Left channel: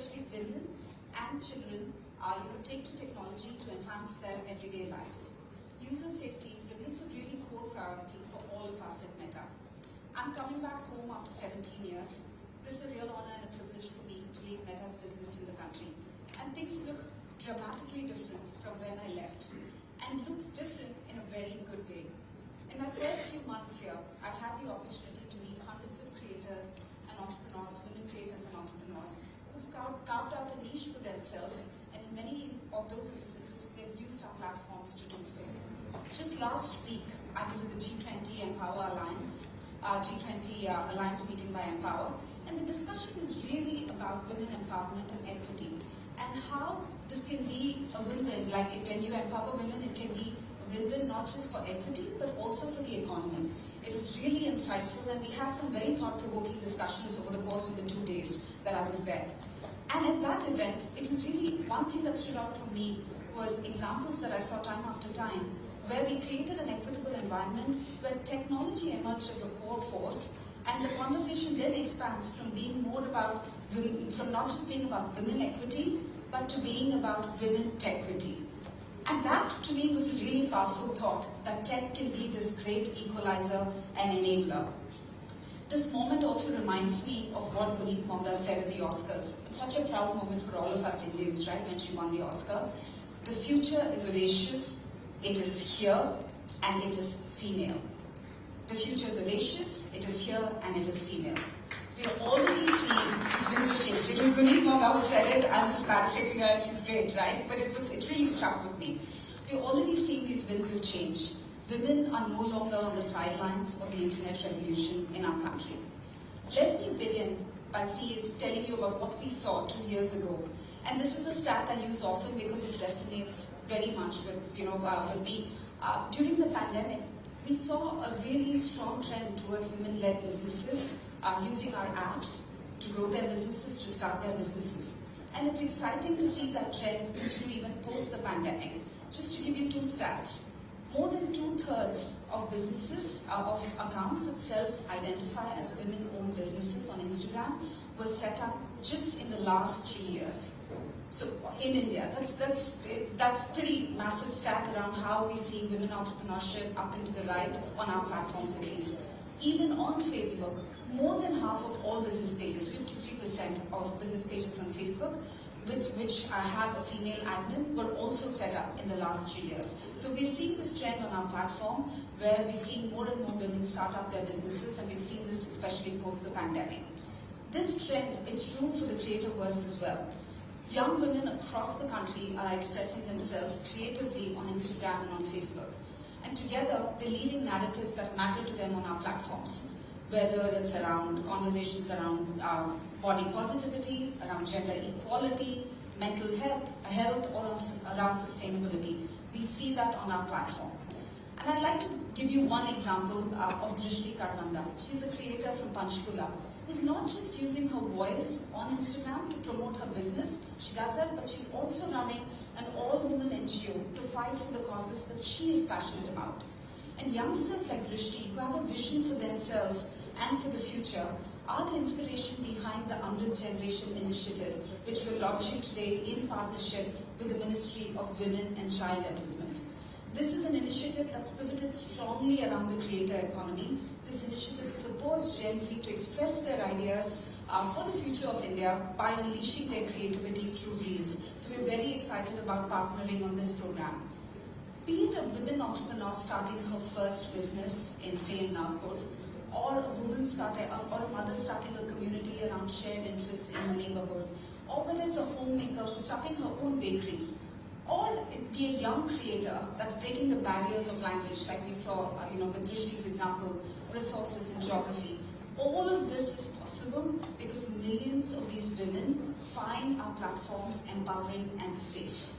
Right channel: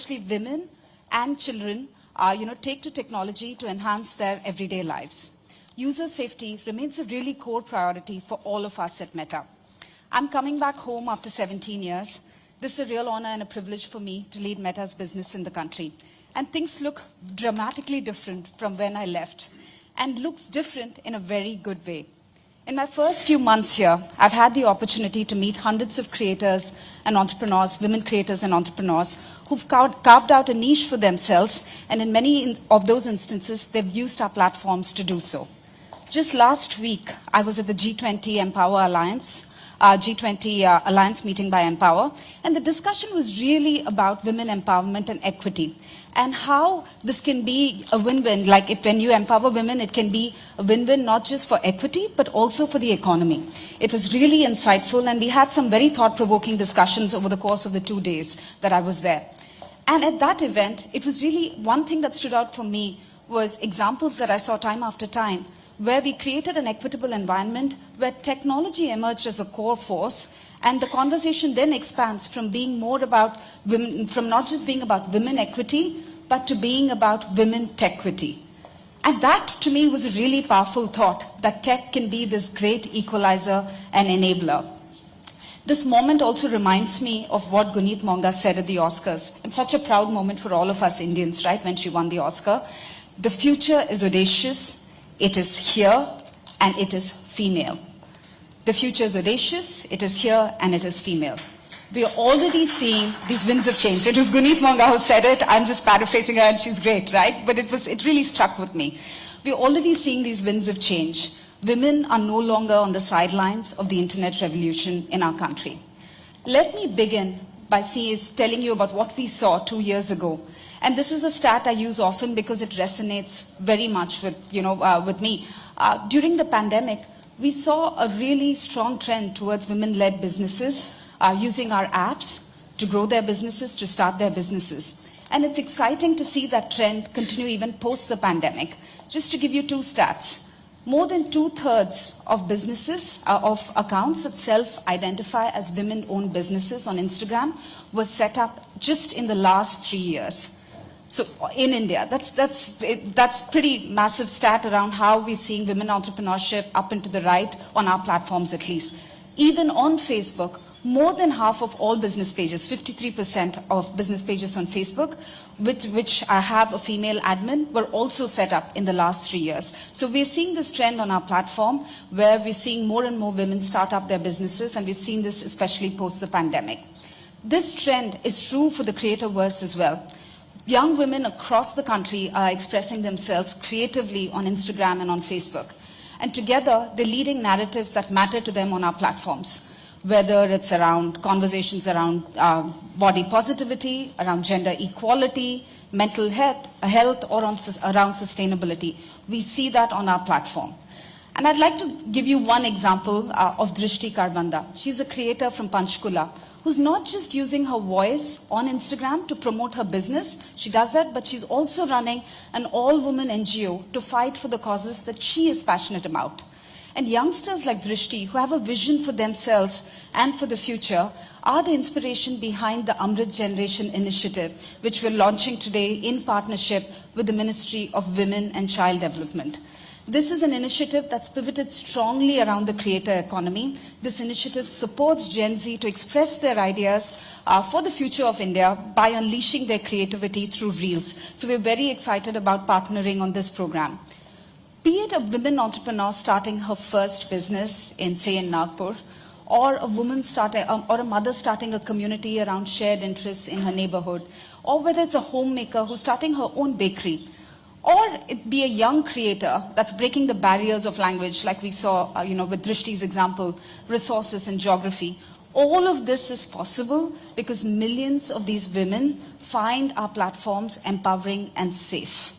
especially women and children, take to technology to enhance their everyday lives. User safety remains a really core priority for all of us at Meta. I'm coming back home after 17 years. This is a real honor and a privilege for me to lead Meta's business in the country. And things look dramatically different from when I left, and looks different in a very good way. In my first few months here, I've had the opportunity to meet hundreds of creators and entrepreneurs, women creators and entrepreneurs, who've carved out a niche for themselves, and in many of those instances, they've used our platforms to do so. Just last week, I was at the G20 Empower Alliance, G20 Alliance meeting by Empower, and the discussion was really about women empowerment and equity, and how this can be a win-win. Like when you empower women, it can be a win-win not just for equity, but also for the economy. It was really insightful, and we had some very thought-provoking discussions over the course of the 2 days that I was there. And at that event, it was really one thing that stood out for me was examples that I saw time after time, where we created an equitable environment where technology emerged as a core force, and the conversation then expands from being more about women, from not just being about women equity, but to being about women tequity. And that, to me, was a really powerful thought, that tech can be this great equalizer and enabler. This moment also reminds me of what Guneet Monga said at the Oscars. It's such a proud moment for all of us Indians, right, when she won the Oscar. The future is audacious, it is here, and it is female. The future is audacious, it is here, and it is female. We are already seeing these winds of change. It was Guneet Monga who said it. I'm just paraphrasing her, and she's great, right? But it really struck with me. We're already seeing these winds of change. Women are no longer on the sidelines of the internet revolution in our country. Let me begin by telling you about what we saw 2 years ago. And this is a stat I use often because it resonates very much with me. During the pandemic, we saw a really strong trend towards women-led businesses using our apps to grow their businesses, to start their businesses. And it's exciting to see that trend continue even post the pandemic. Just to give you 2 stats, more than 2/3 of businesses, of accounts that self-identify as women-owned businesses on Instagram were set up just in the last 3 years. So in India, that's pretty massive stat around how we're seeing women entrepreneurship up and to the right on our platforms at least. Even on Facebook, more than half of all business pages, 53% of business pages on Facebook, which have a female admin, were also set up in the last 3 years. So we're seeing this trend on our platform where we're seeing more and more women start up their businesses, and we've seen this especially post the pandemic. This trend is true for the creatorverse as well. Young women across the country are expressing themselves creatively on Instagram and on Facebook. And together, they're leading narratives that matter to them on our platforms, whether it's around conversations around body positivity, around gender equality, mental health, or around sustainability. We see that on our platform. And I'd like to give you one example of Drishti Karbanda. She's a creator from Panchkula, who's not just using her voice on Instagram to promote her business. She does that, but she's also running an all-woman NGO to fight for the causes that she is passionate about. And youngsters like Drishti, who have a vision for themselves and for the future, are the inspiration behind the Amrit Generation initiative, which we're launching today in partnership with the Ministry of Women and Child Development. This is an initiative that's pivoted strongly around the creator economy. This initiative supports Gen Z to express their ideas for the future of India by unleashing their creativity through Reels. So we're very excited about partnering on this program. Be it a women entrepreneur starting her first business in Nagpur, or a woman or a mother starting a community around shared interests in her neighborhood, or whether it's a homemaker who's starting her own bakery, or it be a young creator that's breaking the barriers of language, like we saw with Drishti's example, resources and geography. All of this is possible because millions of these women find our platforms empowering and safe.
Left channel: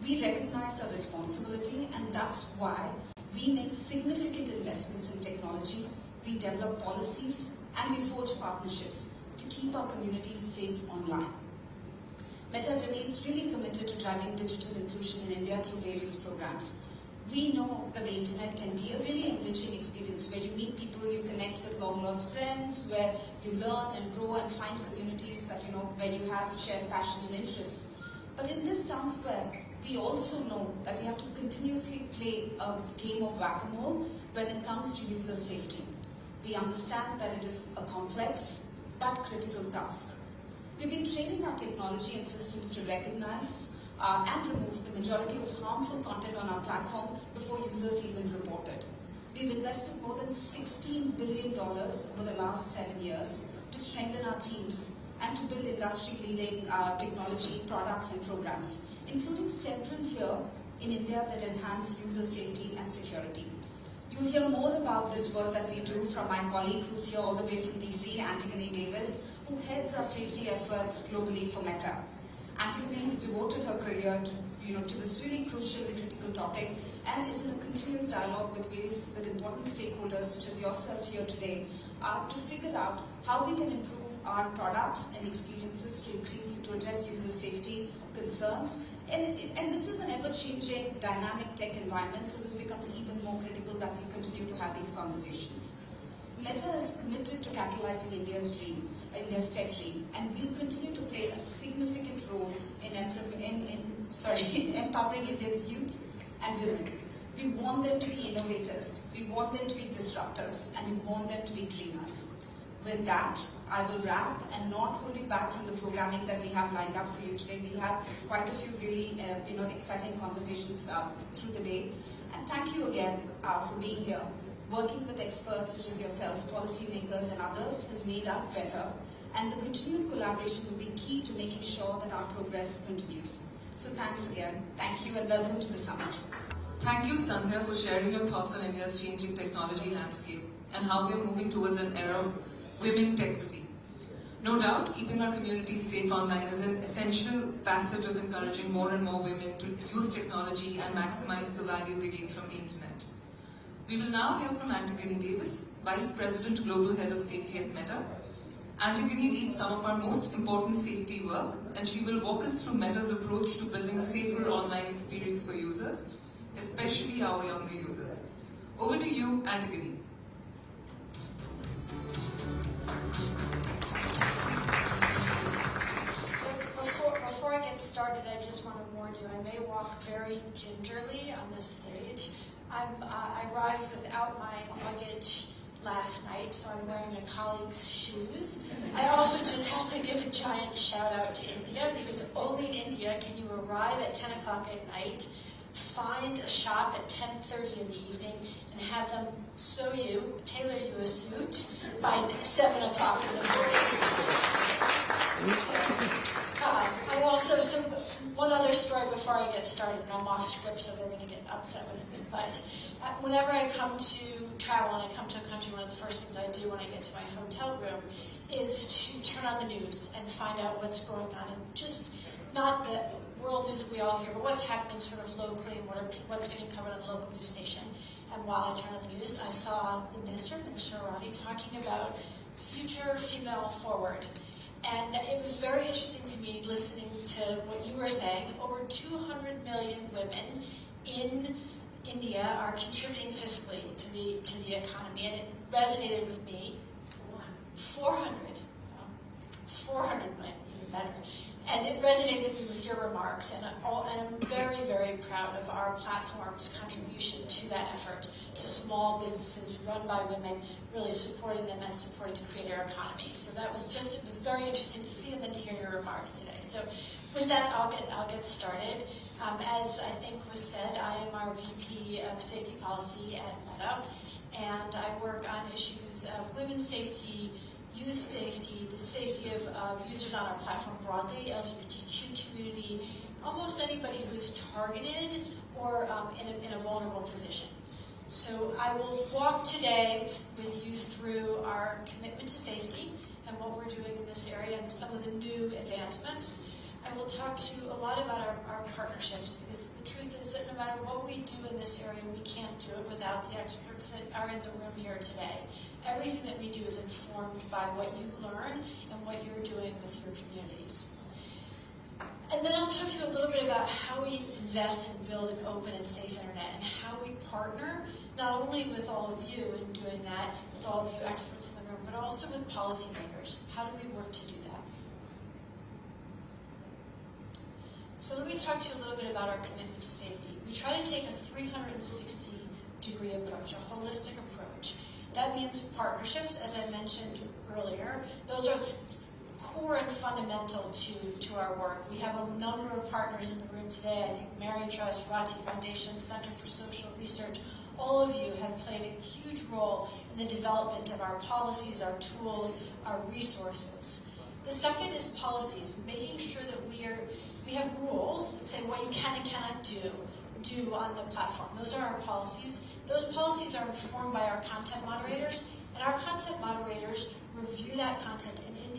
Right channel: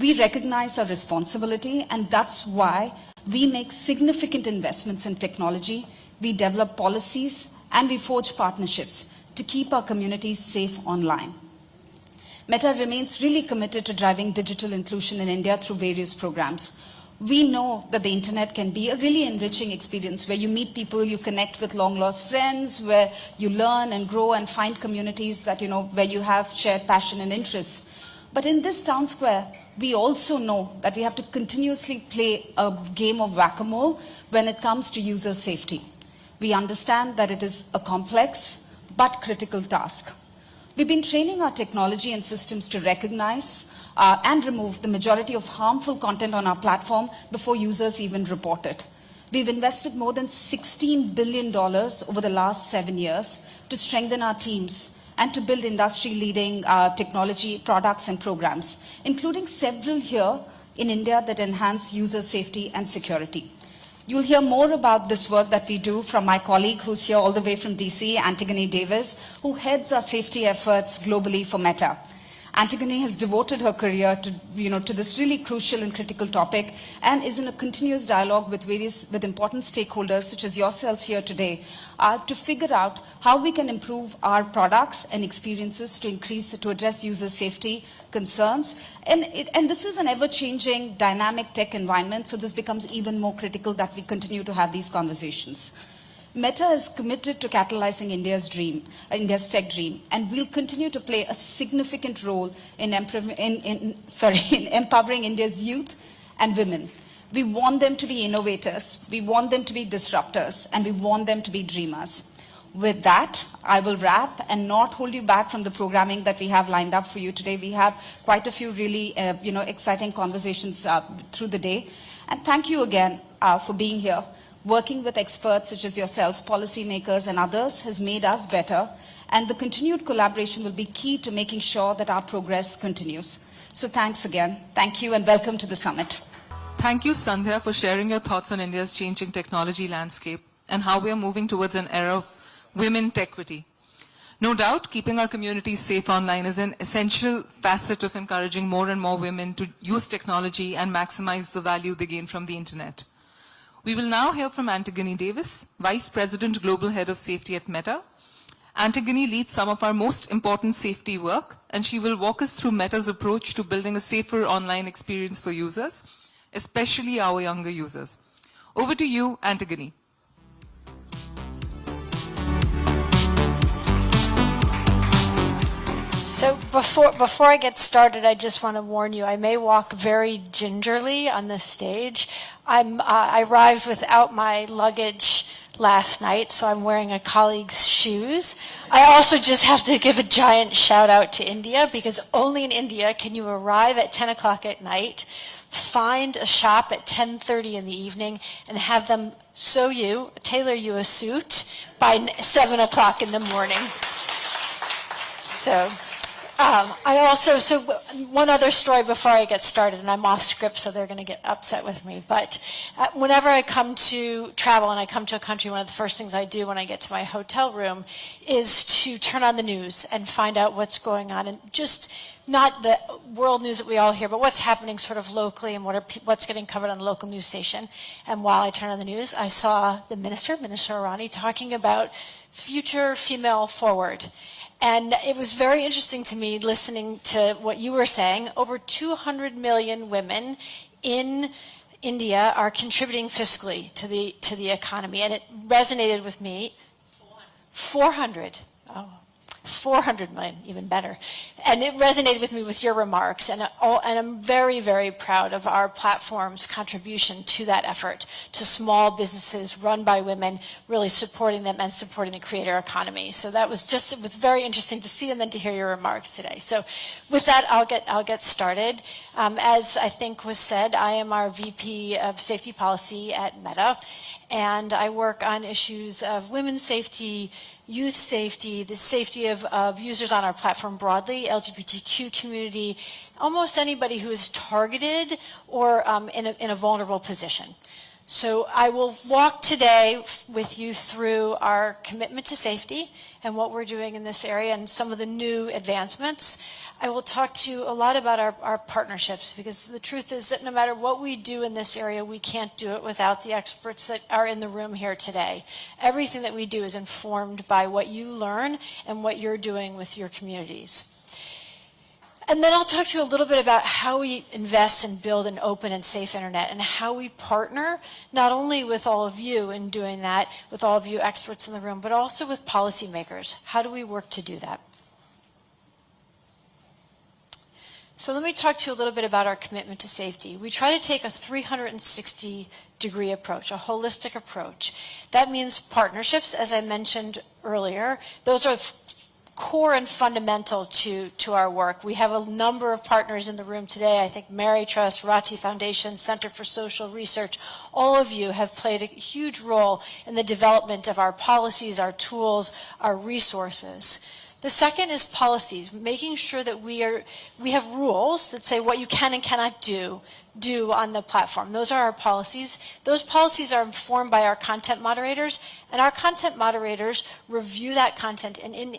We recognize our responsibility, and that's why we make significant investments in technology, we develop policies, and we forge partnerships to keep our communities safe online. Meta remains really committed to driving digital inclusion in India through various programs. We know that the internet can be a really enriching experience where you meet people, you connect with long-lost friends, where you learn and grow and find communities that, where you have shared passion and interests. But in this town square, we also know that we have to continuously play a game of whack-a-mole when it comes to user safety. We understand that it is a complex but critical task. We've been training our technology and systems to recognize and remove the majority of harmful content on our platform before users even report it. We've invested more than $16 billion over the last 7 years to strengthen our teams and to build industry-leading technology products and programs, including several here in India that enhance user safety and security. You'll hear more about this work that we do from my colleague who's here all the way from DC, Antigone Davis, who heads our safety efforts globally for Meta. Antigone has devoted her career to this really crucial and critical topic and is in a continuous dialogue with important stakeholders such as yourselves here today to figure out how we can improve our products and experiences to address user safety concerns. And this is an ever-changing dynamic tech environment, so this becomes even more critical that we continue to have these conversations. Meta is committed to catalyzing India's tech dream, and we'll continue to play a significant role in empowering India's youth and women. We want them to be innovators, we want them to be disruptors, and we want them to be dreamers. With that, I will wrap and not hold you back from the programming that we have lined up for you today. We have quite a few really exciting conversations through the day. And thank you again for being here. Working with experts such as yourselves, policymakers and others has made us better, and the continued collaboration will be key to making sure that our progress continues. So thanks again. Thank you and welcome to the summit. Thank you, Sandhya, for sharing your thoughts on India's changing technology landscape and how we are moving towards an era of women equity. No doubt, keeping our communities safe online is an essential facet of encouraging more and more women to use technology and maximize the value they gain from the internet. We will now hear from Antigone Davis, Vice President Global Head of Safety at Meta. Antigone leads some of our most important safety work, and she will walk us through Meta's approach to building a safer online experience for users, especially our younger users. Over to you, Antigone. So before I get started, I just want to warn you, I may walk very gingerly on this stage. I arrived without my luggage last night, so I'm wearing a colleague's shoes. I also just have to give a giant shout out to India, because only in India can you arrive at 10 o'clock at night, find a shop at 10:30 in the evening, and have them tailor you a suit by 7 o'clock in the morning. So one other story before I get started, and I'm off script, so they're going to get upset with me. But whenever I come to travel and I come to a country, one of the first things I do when I get to my hotel room is to turn on the news and find out what's going on, and just not the world news that we all hear, but what's happening sort of locally and what's getting covered on the local news station. And while I turned on the news, I saw the Minister Irani, talking about future female forward. And it was very interesting to me listening to what you were saying. Over 200 million women in India are contributing fiscally to the economy, and it resonated with me. 400 million, even better. And it resonated with me with your remarks, and I'm very, very proud of our platform's contribution to that effort, to small businesses run by women, really supporting them and supporting the creator economy. So it was very interesting to see and then to hear your remarks today. So with that, I'll get started. As I think was said, I am our VP of Safety Policy at Meta, and I work on issues of women's safety, youth safety, the safety of users on our platform broadly, LGBTQ community, almost anybody who is targeted or in a vulnerable position. So I will walk today with you through our commitment to safety and what we're doing in this area and some of the new advancements. I will talk to you a lot about our partnerships, because the truth is that no matter what we do in this area, we can't do it without the experts that are in the room here today. Everything that we do is informed by what you learn and what you're doing with your communities. And then I'll talk to you a little bit about how we invest and build an open and safe internet, and how we partner not only with all of you in doing that, with all of you experts in the room, but also with policymakers. How do we work to do that? So let me talk to you a little bit about our commitment to safety. We try to take a 360-degree approach, a holistic approach. That means partnerships, as I mentioned earlier. Those are core and fundamental to our work. We have a number of partners in the room today. I think Mary Trust, Rachi Foundation, Center for Social Research, all of you have played a huge role in the development of our policies, our tools, our resources. The second is policies, making sure that we have rules that say what you can and cannot do on the platform. Those are our policies. Those policies are informed by our content moderators, and our content moderators review that content. And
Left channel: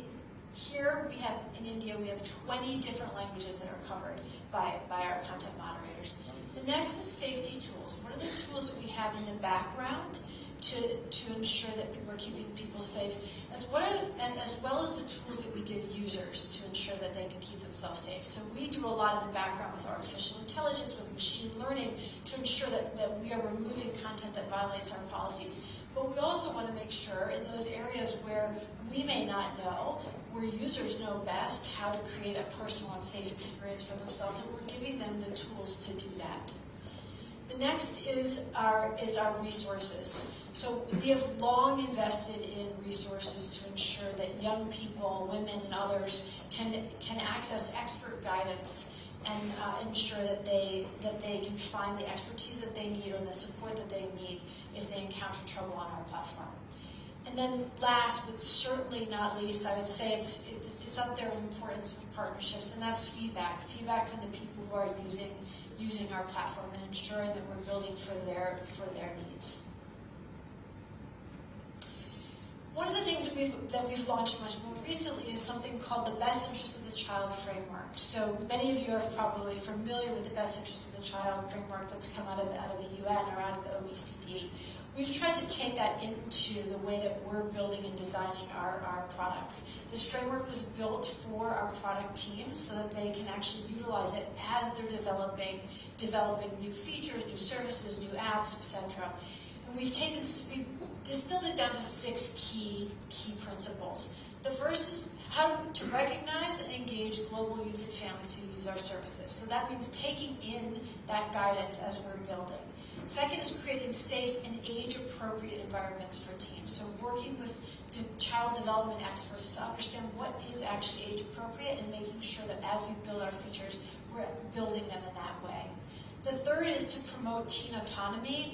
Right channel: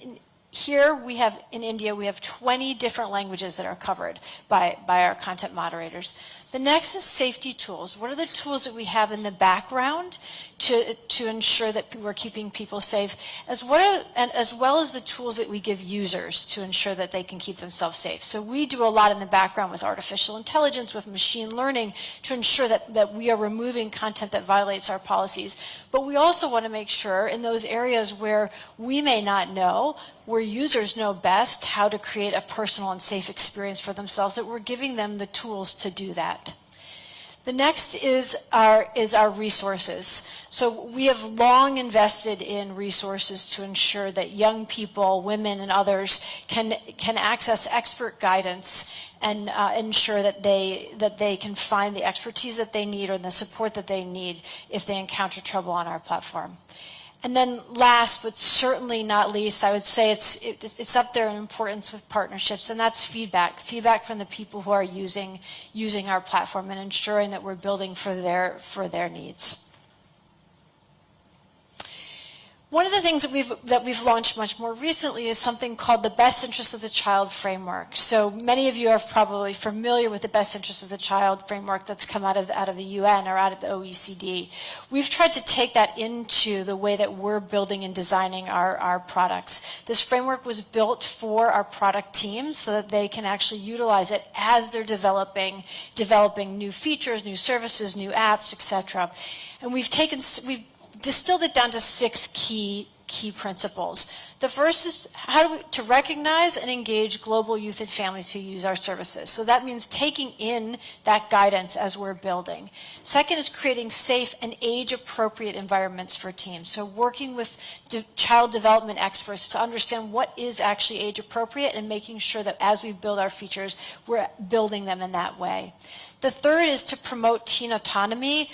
here we have, in India, we have 20 different languages that are covered by our content moderators. The next is safety tools. What are the tools that we have in the background to ensure that we're keeping people safe, as well as the tools that we give users to ensure that they can keep themselves safe. So we do a lot in the background with artificial intelligence, with machine learning, to ensure that we are removing content that violates our policies. But we also want to make sure in those areas where we may not know, where users know best how to create a personal and safe experience for themselves, that we're giving them the tools to do that. The next is our resources. So we have long invested in resources to ensure that young people, women, and others can access expert guidance and ensure that they can find the expertise that they need or the support that they need if they encounter trouble on our platform. And then last, but certainly not least, I would say it's up there in importance with partnerships, and that's feedback from the people who are using our platform and ensuring that we're building for their needs. One of the things that we've launched much more recently is something called the Best Interest of the Child Framework. So many of you are probably familiar with the Best Interest of the Child Framework that's come out of the UN or out of the OECD. We've tried to take that into the way that we're building and designing our products. This framework was built for our product teams so that they can actually utilize it as they're developing new features, new services, new apps, etc. And we've distilled it down to 6 key principles. The first is to recognize and engage global youth and families who use our services. So that means taking in that guidance as we're building. Second is creating safe and age-appropriate environments for teams. So working with child development experts to understand what is actually age-appropriate and making sure that as we build our features, we're building them in that way. The third is to promote teen autonomy.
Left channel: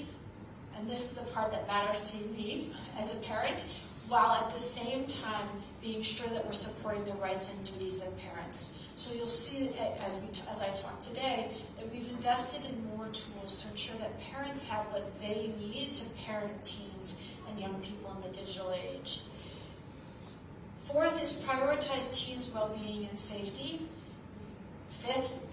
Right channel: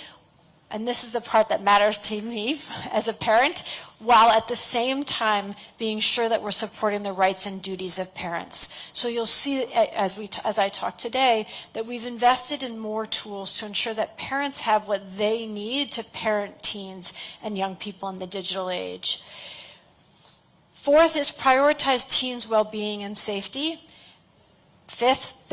And this is the part that matters to me as a parent, while at the same time being sure that we're supporting the rights and duties of parents. So you'll see, as I talk today, that we've invested in more tools to ensure that parents have what they need to parent teens and young people in the digital age. Fourth is prioritize teens' well-being and safety. Fifth,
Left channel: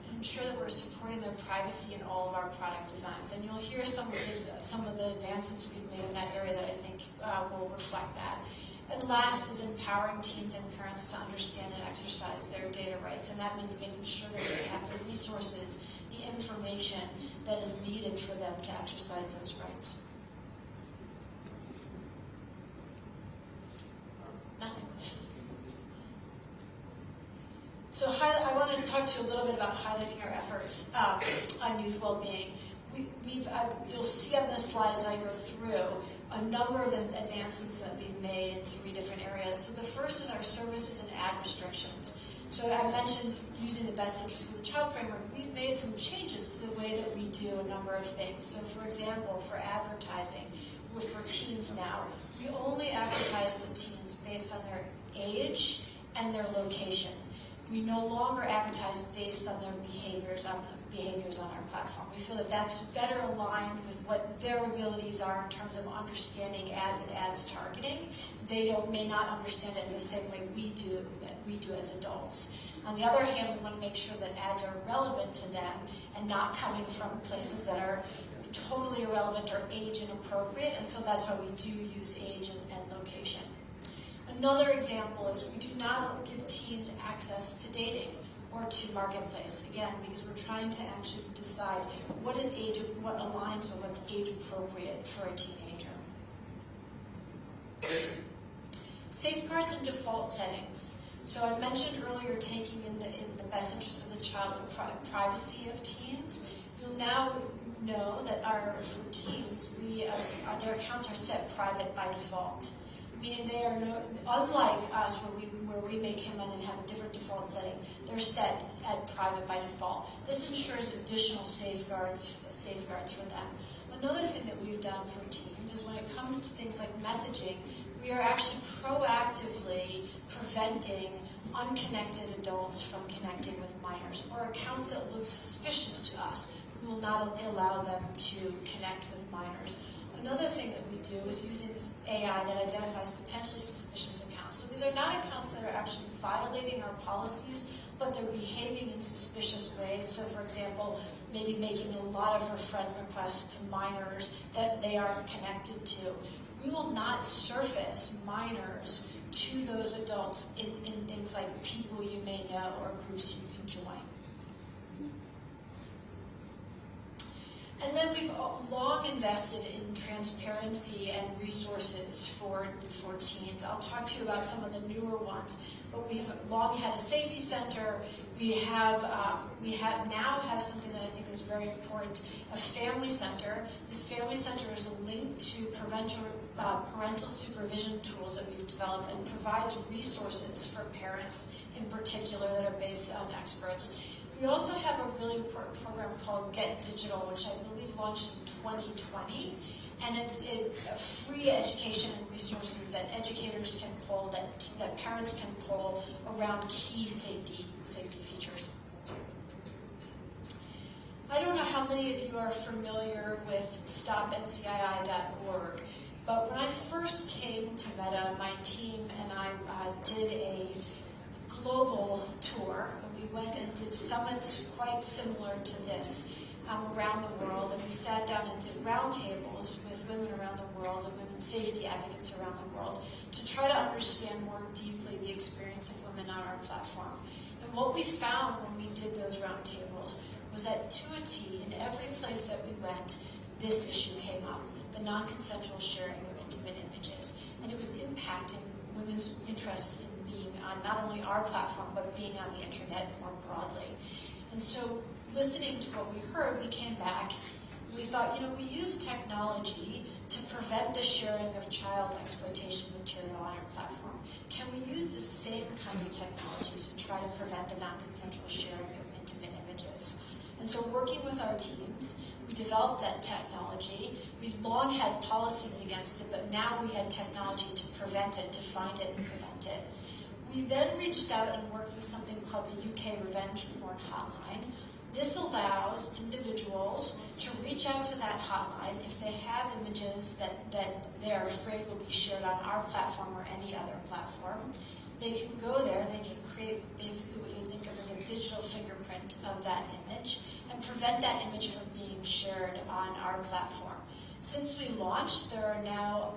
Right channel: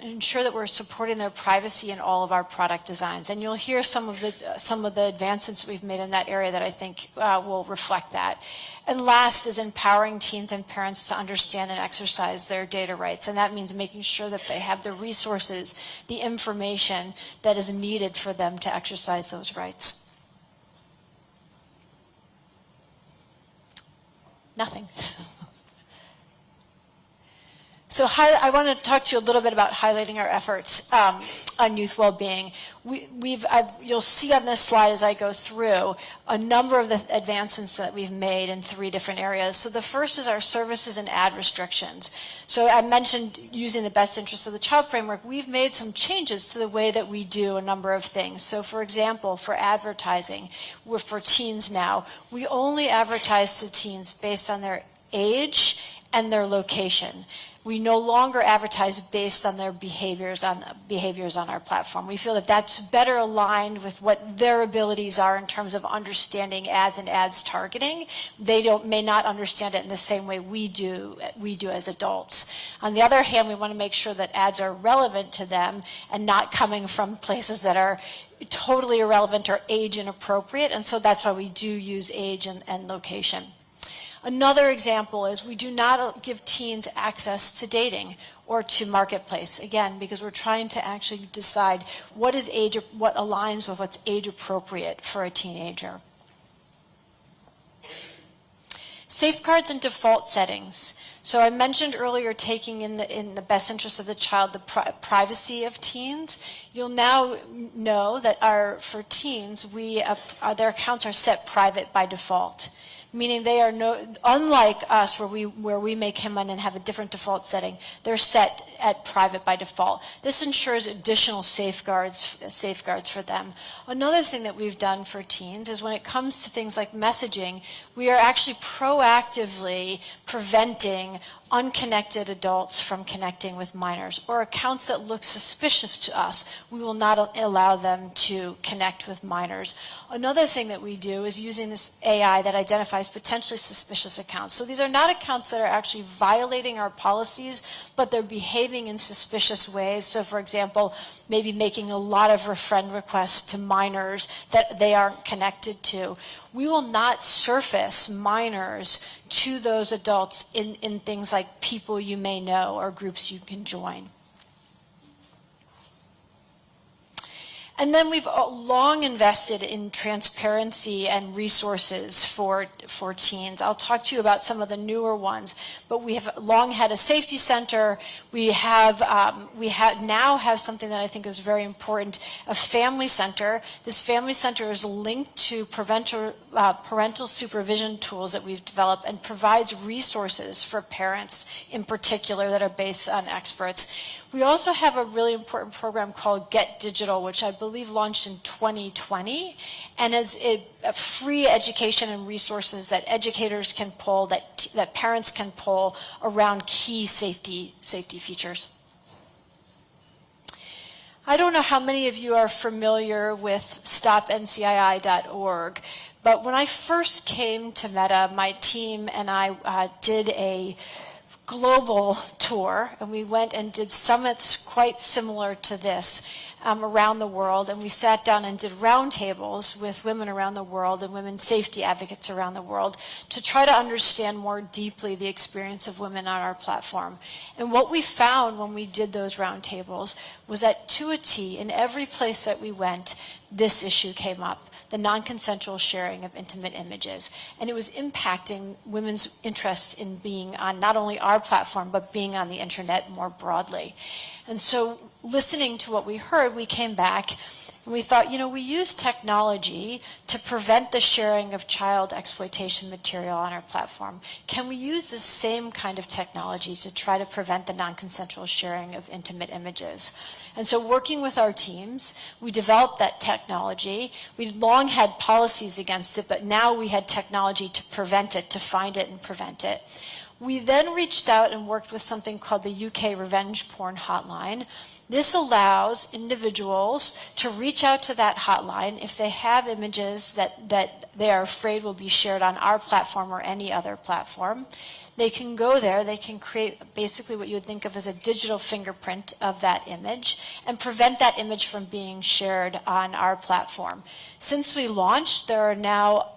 ensure that we're supporting their privacy in all of our product designs. And you'll hear some of the advancements we've made in that area that I think will reflect that. And last is empowering teens and parents to understand and exercise their data rights. And that means making sure that they have the resources, the information that is needed for them to exercise those rights. Nothing. So I want to talk to you a little bit about highlighting our efforts on youth well-being. You'll see on this slide as I go through a number of the advancements that we've made in 3 different areas. So the first is our services and ad restrictions. So I mentioned using the Best Interest of the Child Framework. We've made some changes to the way that we do a number of things. So for example, for advertising, for teens now, we only advertise to teens based on their age and their location. We no longer advertise based on their behaviors on our platform. We feel that that's better aligned with what their abilities are in terms of understanding ads and ads targeting. They may not understand it in the same way we do as adults. On the other hand, we want to make sure that ads are relevant to them and not coming from places that are totally irrelevant or age inappropriate, and so that's why we do use age and location. Another example is we do not give teens access to dating. or to marketplace. Again, because we're trying to actually decide what aligns with what's age appropriate for a teenager. Safeguards and default settings. So I mentioned earlier taking in the best interest of the child the privacy of teens. You'll now know that for teens, their accounts are set private by default, meaning they are unlike us where we may come in and have a different default setting. They're set at private by default. This ensures additional safeguards for them. Another thing that we've done for teens is when it comes to things like messaging, we are actually proactively preventing unconnected adults from connecting with minors, or accounts that look suspicious to us. We will not allow them to connect with minors. Another thing that we do is using this AI that identifies potentially suspicious accounts. So these are not accounts that are actually violating our policies, but they're behaving in suspicious ways. So for example, maybe making a lot of friend requests to minors that they aren't connected to. We will not surface minors to those adults in things like people you may know or groups you can join. And then we've long invested in transparency and resources for teens. I'll talk to you about some of the newer ones, but we have long had a safety center. We now have something that I think is very important, a family center. This family center is linked to parental supervision tools that we've developed and provides resources for parents in particular that are based on experts. We also have a really important program called Get Digital, which I believe launched in 2020, and is a free education and resources that educators can pull, that parents can pull around key safety features. I don't know how many of you are familiar with stopncii.org, but when I first came to Meta, my team and I did a global tour, and we went and did summits quite similar to this around the world, and we sat down and did roundtables with women around the world and women safety advocates around the world to try to understand more deeply the experience of women on our platform. And what we found when we did those roundtables was that to a T, in every place that we went, this issue came up: the non-consensual sharing of intimate images. And it was impacting women's interest in being on not only our platform, but being on the internet more broadly. And so listening to what we heard, we came back and we thought, we use technology to prevent the sharing of child exploitation material on our platform. Can we use the same kind of technology to try to prevent the non-consensual sharing of intimate images? And so working with our teams, we developed that technology. We'd long had policies against it, but now we had technology to prevent it, to find it and prevent it. We then reached out and worked with something called the UK Revenge Porn Hotline. This allows individuals to reach out to that hotline if they have images that they are afraid will be shared on our platform or any other platform. They can go there, they can create basically what you would think of as a digital fingerprint of that image and prevent that image from being shared on our platform. Since we launched, there are now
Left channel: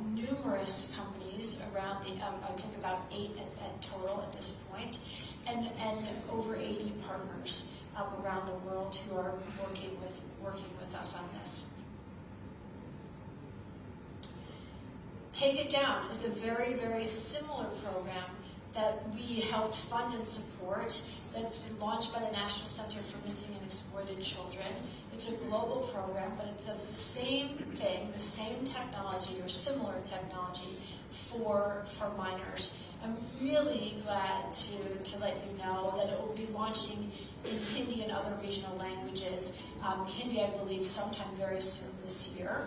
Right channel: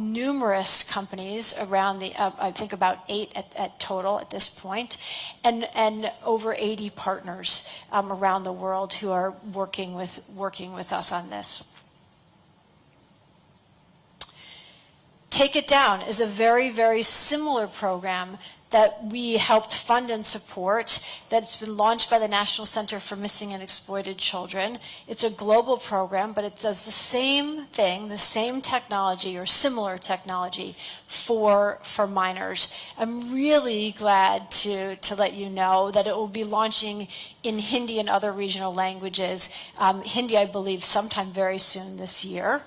numerous companies around I think about 8 at total at this point, and over 80 partners around the world who are working with us on this. Take It Down is a very, very similar program that we helped fund and support that's been launched by the National Center for Missing and Exploited Children. It's a global program, but it does the same thing, the same technology or similar technology for minors. I'm really glad to let you know that it will be launching in Hindi and other regional languages. Hindi, I believe, sometime very soon this year.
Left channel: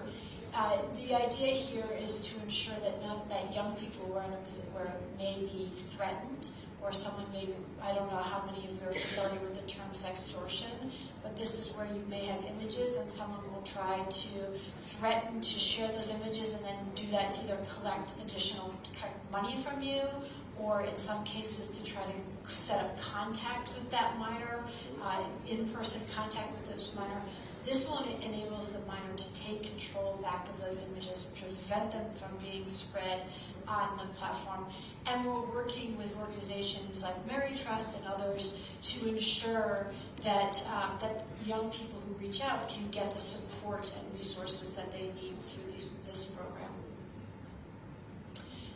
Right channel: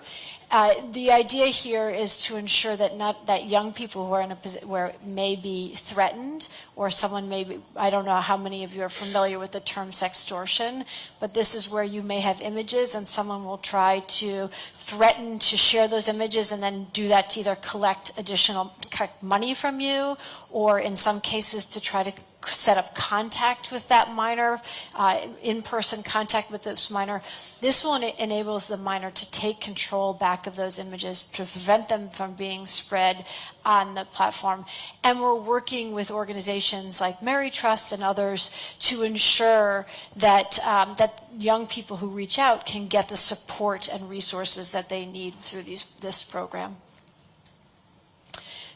The idea here is to ensure that young people who are in a position where may be threatened, or someone may be, I don't know how many of you are familiar with the term sextortion, but this is where you may have images and someone will try to threaten to share those images and then do that to either collect money from you or in some cases to try to set up contact with that minor, in-person contact with this minor. This one enables the minor to take control back of those images, to prevent them from being spread on the platform. And we're working with organizations like Mary Trust and others to ensure that, that young people who reach out can get the support and resources that they need through this program.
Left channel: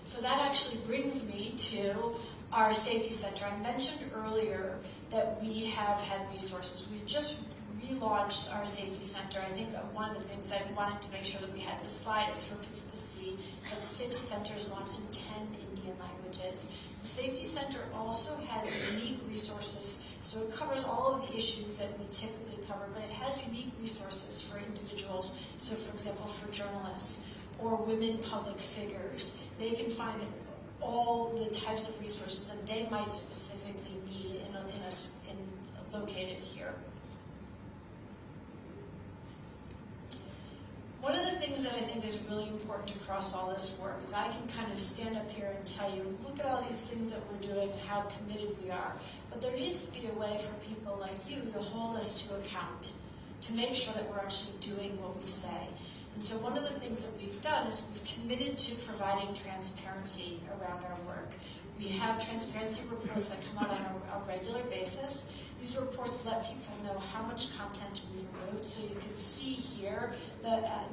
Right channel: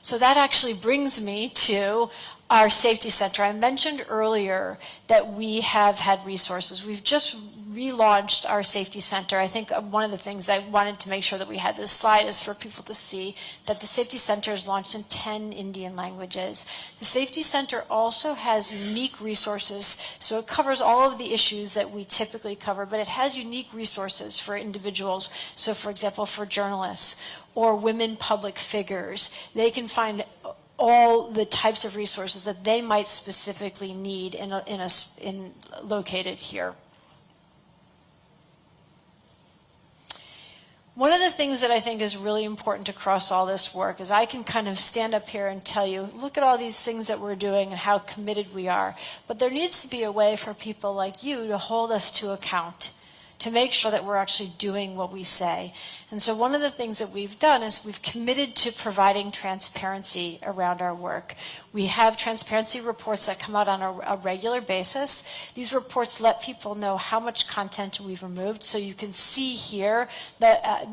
So that actually brings me to our safety center. I mentioned earlier that we have had resources. We've just relaunched our safety center. I think one of the things I wanted to make sure that we had this slide is for people to see that the safety center is launched in 10 Indian languages. The safety center also has unique resources, so it covers all of the issues that we typically cover, but it has unique resources for individuals. So for example, for journalists or women public figures, they can find all the types of resources that they might specifically need located here. One of the things that I think is really important across all this work is I can kind of stand up here and tell you, look at all these things that we're doing and how committed we are. But there needs to be a way for people like you to hold us to account, to make sure that we're actually doing what we say. And so one of the things that we've done is we've committed to providing transparency around our work. We have transparency reports that come out on a regular basis. These reports let people know how much content we've removed. So you can see here that,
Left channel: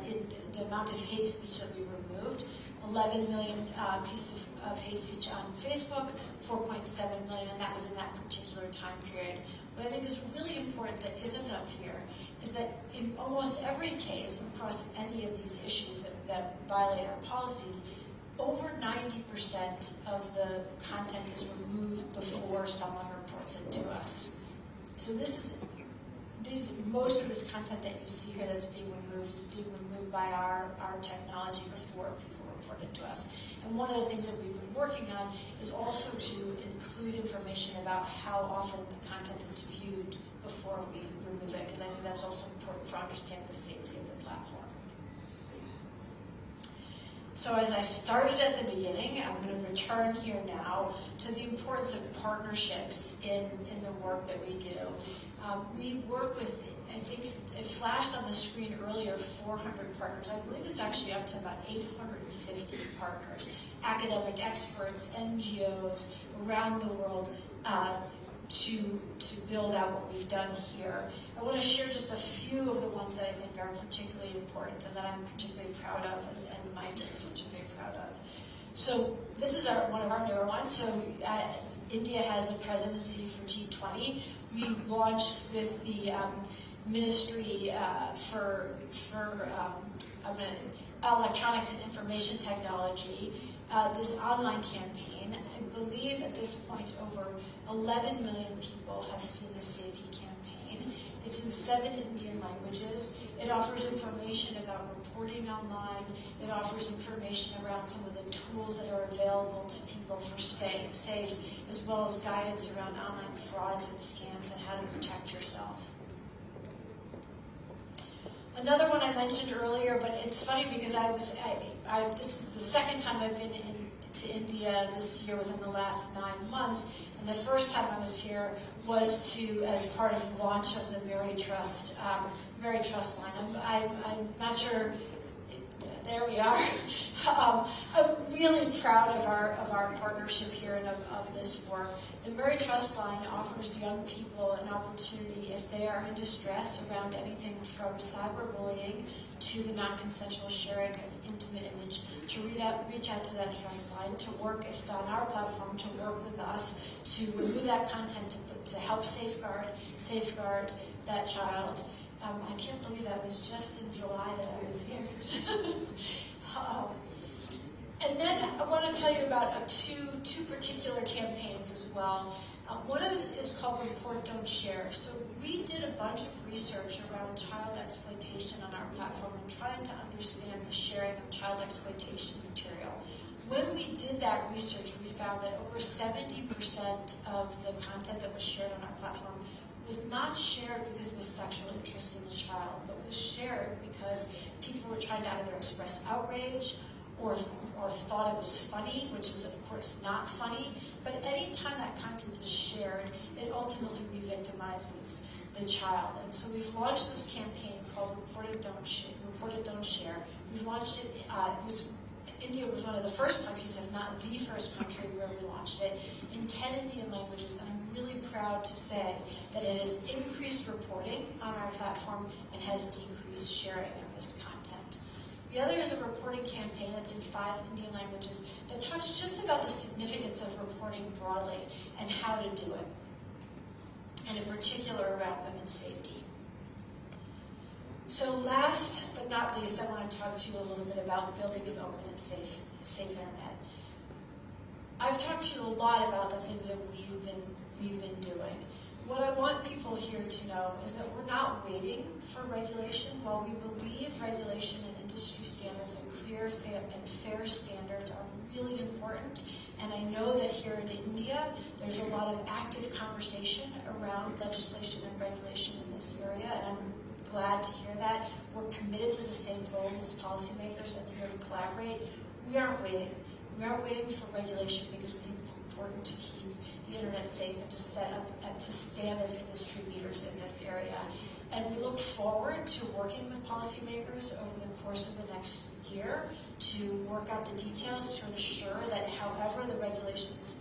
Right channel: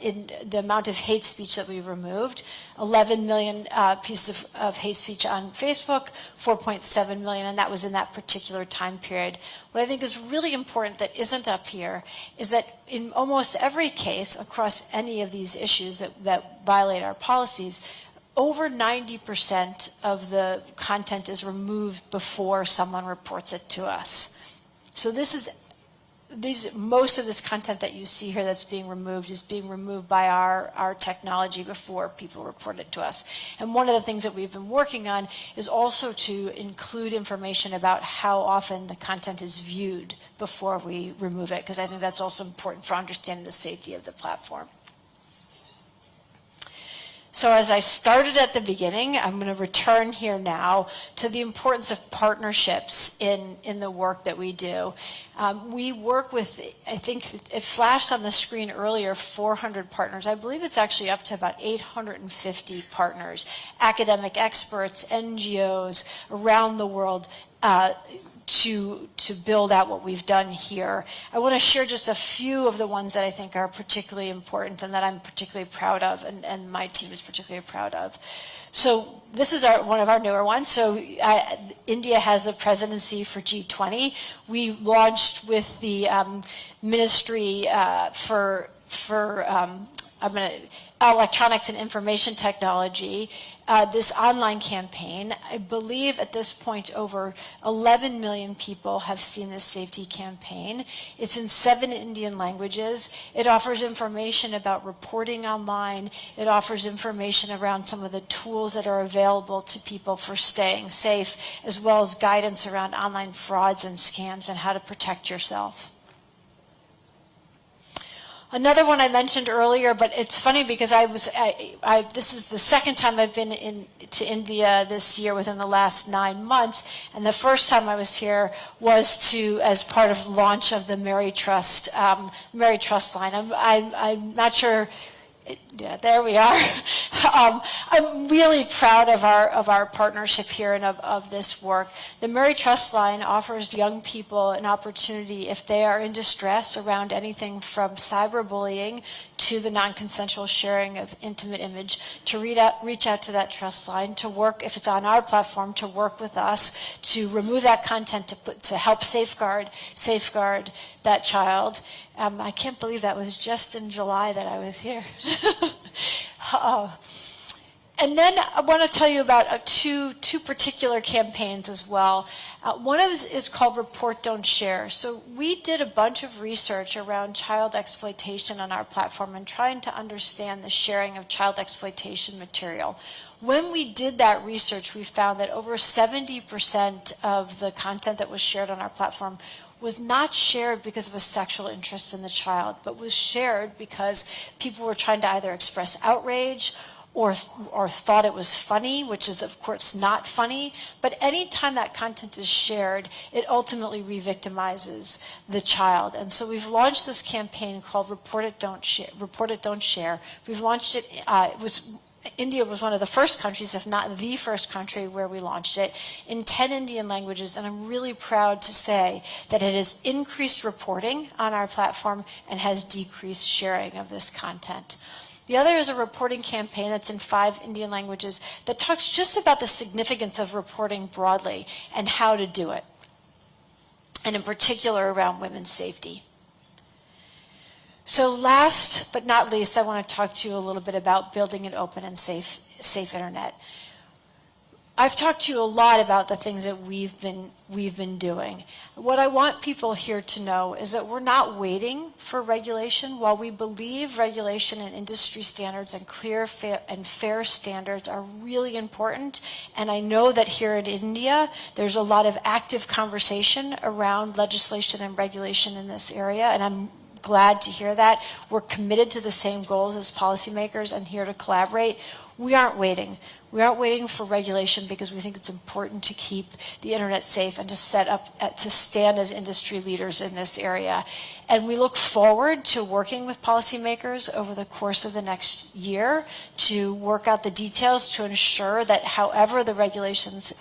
in the amount of hate speech that we've removed, 11 million pieces of hate speech on Facebook, 4.7 million, and that was in that particular time period. What I think is really important that isn't up here is that in almost every case across any of these issues that violate our policies, over 90% of the content is removed before someone reports it to us. So most of this content that you see here that's being removed is being removed by our technology before people report it to us. And one of the things that we've been working on is also to include information about how often the content is viewed before we remove it, because I think that's also important for understanding the safety of the platform. So as I started at the beginning, I'm going to return here now to the importance of partnerships in the work that we do. We work with, I think it flashed on the screen earlier, 400 partners. I believe it's actually up to about 850 partners, academic experts, NGOs around the world, to build out what we've done here. I want to share just a few of the ones that I think are particularly important and that I'm particularly proud of, and my team is particularly proud of. So this is one of our newer ones. So India has a presidency for G20. We launched with the Ministry for Electronics and Information Technology, this online campaign. I believe at this point over 11 million people have seen this safety campaign. It's in 7 Indian languages. It offers information about reporting online. It offers information around some of the tools that are available to people for staying safe, as well as guidance around online frauds and scams and how to protect yourself. Another one I mentioned earlier, but it's funny because this is the second time I've been to India this year within the last 9 months, and the first time I was here was as part of the launch of the Mary Trust line. I'm not sure. Yeah, there we are. I'm really proud of our partnership here and of this work. The Mary Trust line offers young people an opportunity if they are in distress around anything from cyberbullying to the non-consensual sharing of intimate image to reach out to that trust line, to work, if it's on our platform, to work with us to remove that content to help safeguard that child. I can't believe that was just in July that I was here. And then I want to tell you about two particular campaigns as well. One of them is called Report, Don't Share. So we did a bunch of research around child exploitation on our platform and trying to understand the sharing of child exploitation material. When we did that research, we found that over 70% of the content that was shared on our platform was not shared because of a sexual interest in the child, but was shared because people were trying to either express outrage or thought it was funny, which is of course not funny, but anytime that content is shared, it ultimately re-victimizes the child. And so we've launched this campaign called Report It, Don't Share. Report It, Don't Share. We've launched it, India was one of the first countries, if not the first country, where we launched it in 10 Indian languages, and I'm really proud to say that it has increased reporting on our platform and has decreased sharing of this content. The other is a reporting campaign that's in 5 Indian languages that talks just about the significance of reporting broadly and how to do it, and in particular around women's safety. So last but not least, I want to talk to you a little bit about building an open and safe internet. I've talked to you a lot about the things that we've been doing. What I want people here to know is that we're not waiting for regulation. While we believe regulation and industry standards and clear and fair standards are really important, and I know that here in India there's a lot of active conversation around legislation and regulation in this area, and I'm glad to hear that. We're committed to the same goals as policymakers and here to collaborate. We aren't waiting. We aren't waiting for regulation because we think it's important to keep the internet safe and to stand as industry leaders in this area. And we look forward to working with policymakers over the course of the next year to work out the details to ensure that however the regulations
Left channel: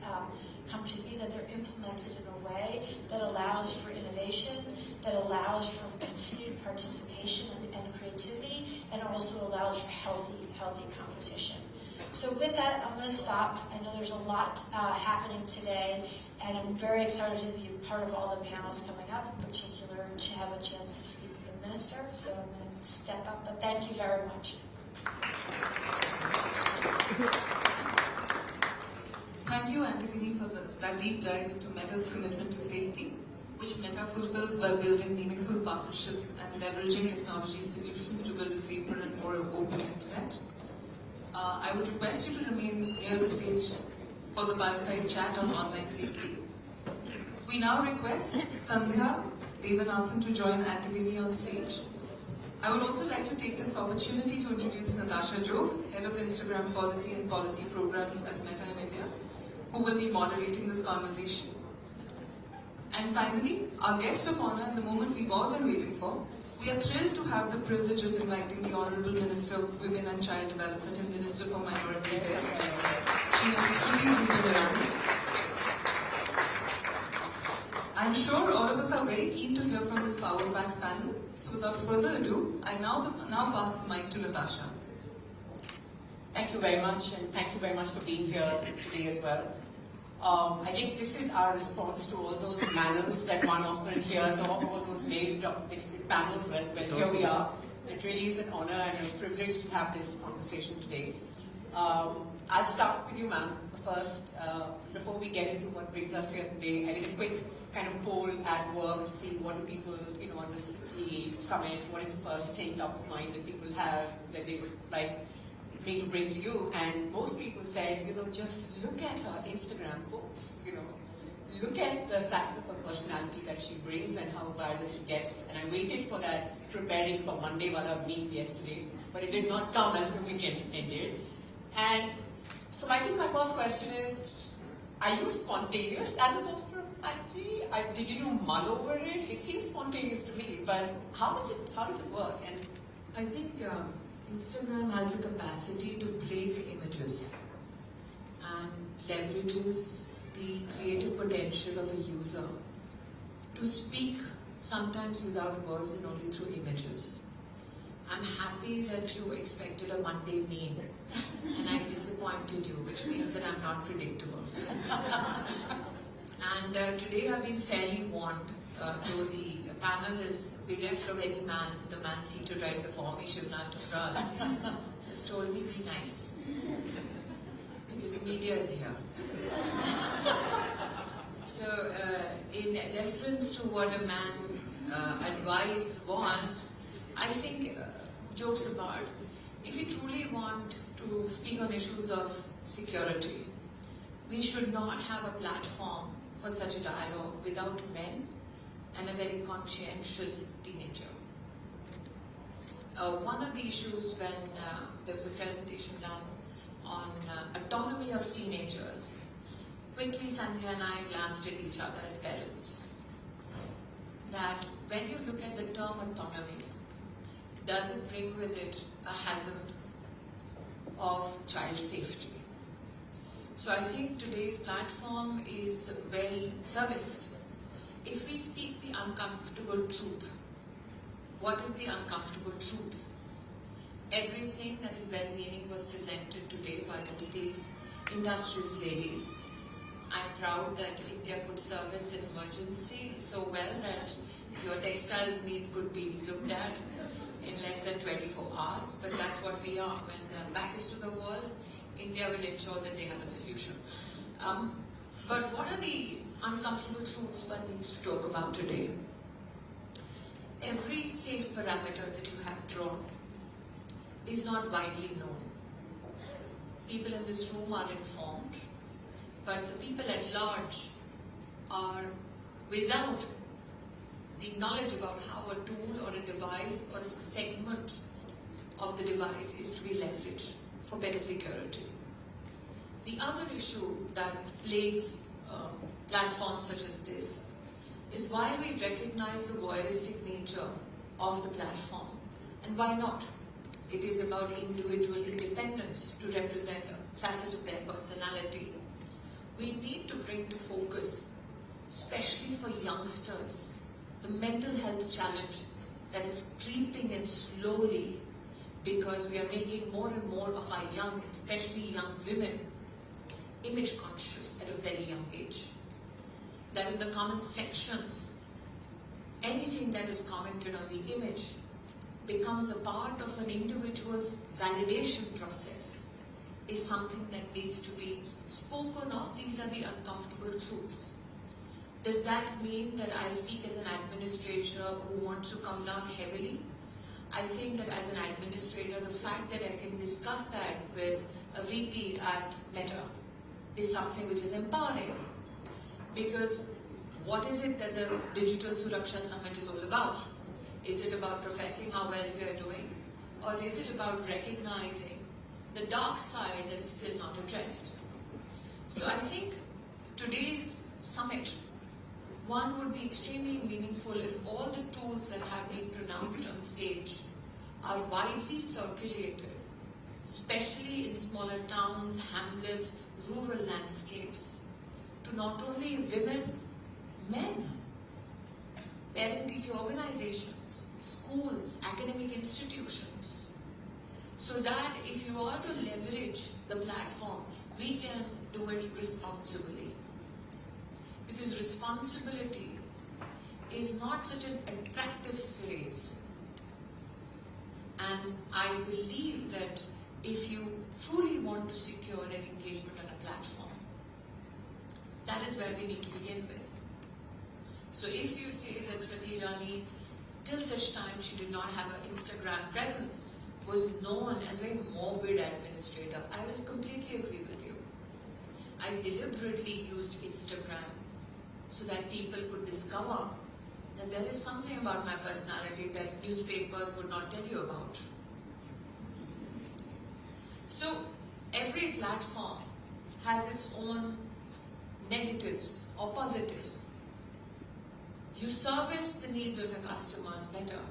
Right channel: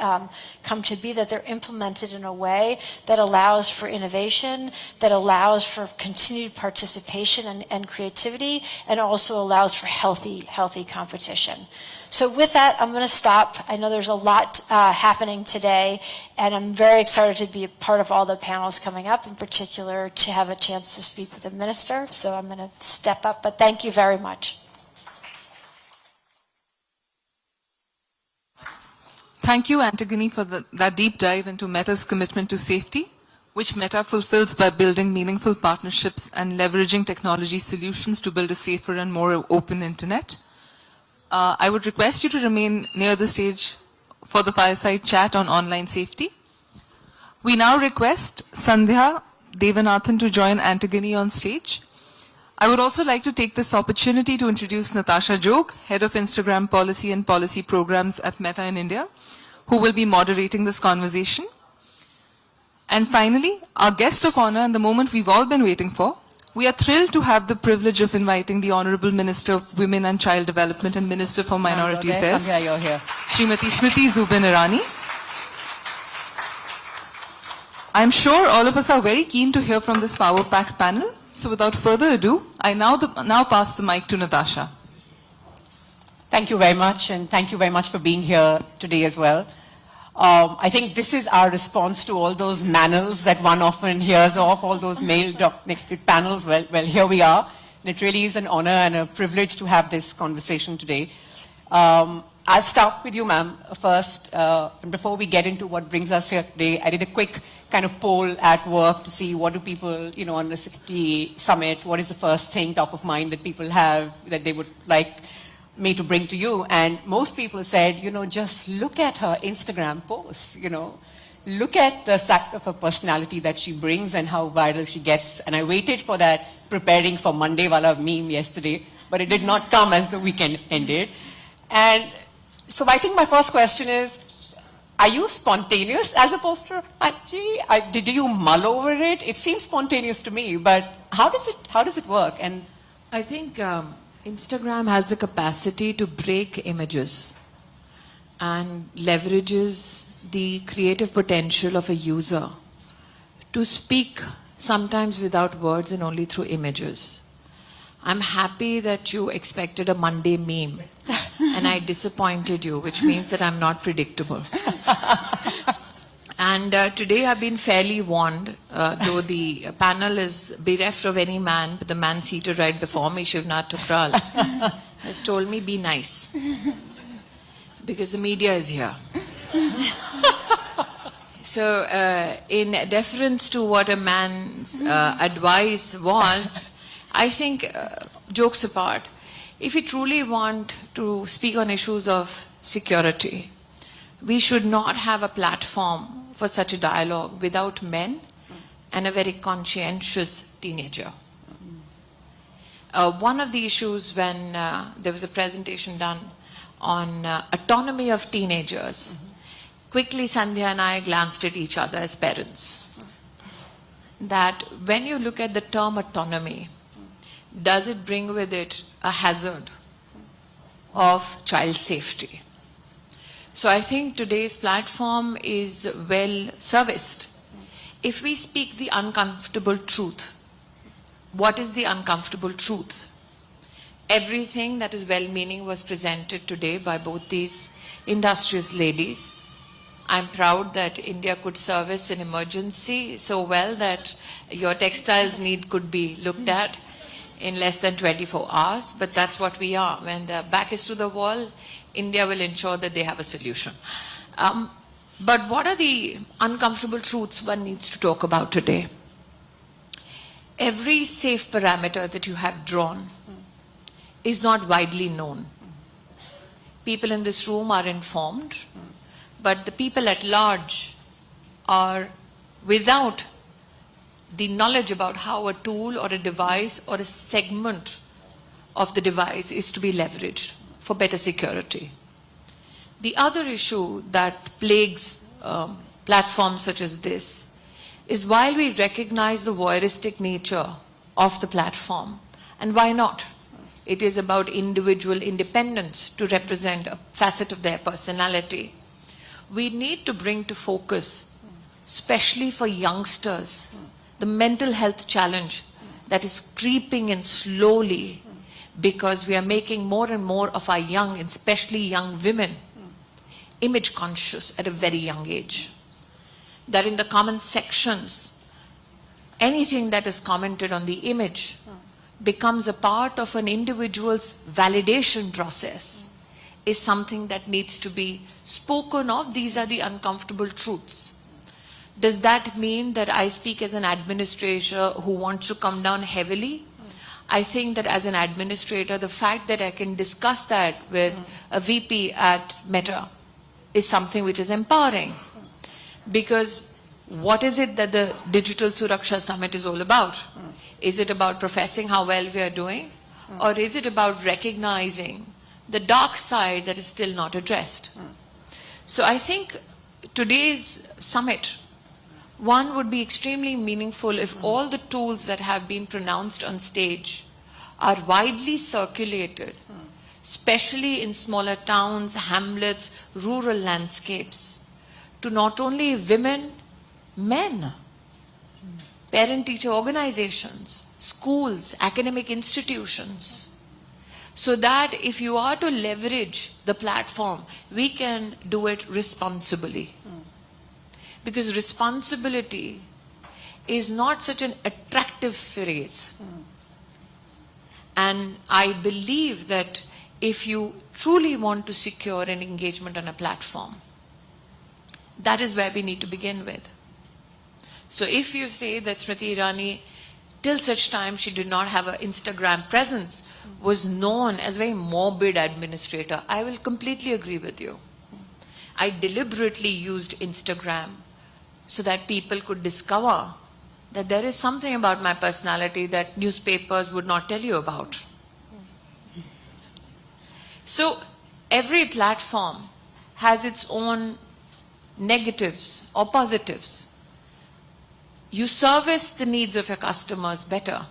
come to be, that they're implemented in a way that allows for innovation, that allows for continued participation and creativity, and also allows for healthy competition. So with that, I'm going to stop. I know there's a lot happening today, and I'm very excited to be a part of all the panels coming up, in particular to have a chance to speak with the minister. So I'm going to step up, but thank you very much. Thank you, Antigone, for that deep dive into Meta's commitment to safety, which Meta fulfills by building meaningful partnerships and leveraging technology solutions to build a safer and more open internet. I would request you to remain near the stage for the fireside chat on online safety. We now request Sandhya Devanathan to join Antigone on stage. I would also like to take this opportunity to introduce Natasha Jog, Head of Instagram Policy and Policy Programs at Meta in India, who will be moderating this conversation. And finally, our guest of honor and the moment we've all been waiting for, we are thrilled to have the privilege of inviting the Honorable Minister of Women and Child Development and Minister for Minority Affairs, Smriti Irani. I'm sure all of us are very keen to hear from this power-packed panel. So without further ado, I now pass the mic to Natasha. Thank you very much, and thank you very much for being here today as well. I think this is our response to all those manels that one often hears of, all those male-dominated panels. Well, here we are. And it really is an honor and a privilege to have this conversation today. I'll start with you, ma'am, first. And before we get into what brings us here today, I did a quick kind of poll at work to see what do people, on the City Summit, what is the first thing top of mind that people have that they would like me to bring to you. And most people said, just look at her Instagram posts, look at the fact of her personality that she brings and how viral she gets. And I waited for that preparing for Monday wala meme yesterday, but it did not come as the weekend ended. And so I think my first question is, are you spontaneous as opposed to, did you mull over it? It seems spontaneous to me, but how does it work? And I think Instagram has the capacity to break images and leverages the creative potential of a user to speak sometimes without words and only through images. I'm happy that you expected a Monday meme and I disappointed you, which means that I'm not predictable. And today I've been fairly warned, though the panel is bereft of any man, but the man seated right before me, Shivnath Tukral, has told me, be nice. Because the media is here. So in deference to what a man's advice was, I think, jokes apart, if we truly want to speak on issues of security, we should not have a platform for such a dialogue without men and a very conscientious teenager. One of the issues when there was a presentation done on autonomy of teenagers, quickly Sandhya and I glanced at each other as parents. That when you look at the term autonomy, does it bring with it a hazard of child safety? So I think today's platform is well serviced. If we speak the uncomfortable truth, what is the uncomfortable truth? Everything that is well-meaning was presented today by both these industrious ladies. I'm proud that India could service an emergency so well that your textiles need could be looked at in less than 24 hours, but that's what we are. When the back is to the wall, India will ensure that they have a solution. But what are the uncomfortable truths one needs to talk about today? Every safe parameter that you have drawn is not widely known. People in this room are informed, but the people at large are without the knowledge about how a tool or a device or a segment of the device is to be leveraged for better security. The other issue that plagues platforms such as this is while we recognize the voyeuristic nature of the platform, and why not? It is about individual independence to represent a facet of their personality. We need to bring to focus, especially for youngsters, the mental health challenge that is creeping in slowly because we are making more and more of our young, especially young women, image conscious at a very young age. That in the comment sections, anything that is commented on the image becomes a part of an individual's validation process is something that needs to be spoken of. These are the uncomfortable truths. Does that mean that I speak as an administrator who wants to come down heavily? I think that as an administrator, the fact that I can discuss that with a VP at Meta is something which is empowering. Because what is it that the Digital Suraksha Summit is all about? Is it about professing how well we are doing? Or is it about recognizing the dark side that is still not addressed? So I think today's summit, one would be extremely meaningful if all the tools that have been pronounced on stage are widely circulated, especially in smaller towns, hamlets, rural landscapes, to not only women, men, parent-teacher organizations, schools, academic institutions, so that if you are to leverage the platform, we can do it responsibly. Because responsibility is not such an attractive phrase. And I believe that if you truly want to secure an engagement on a platform, that is where we need to begin with. So if you say that Smriti Irani, till such time she did not have an Instagram presence, was known as a very morbid administrator, I will completely agree with you. I deliberately used Instagram so that people could discover that there is something about my personality that newspapers would not tell you about. So every platform has its own negatives or positives. You service the needs of your customers better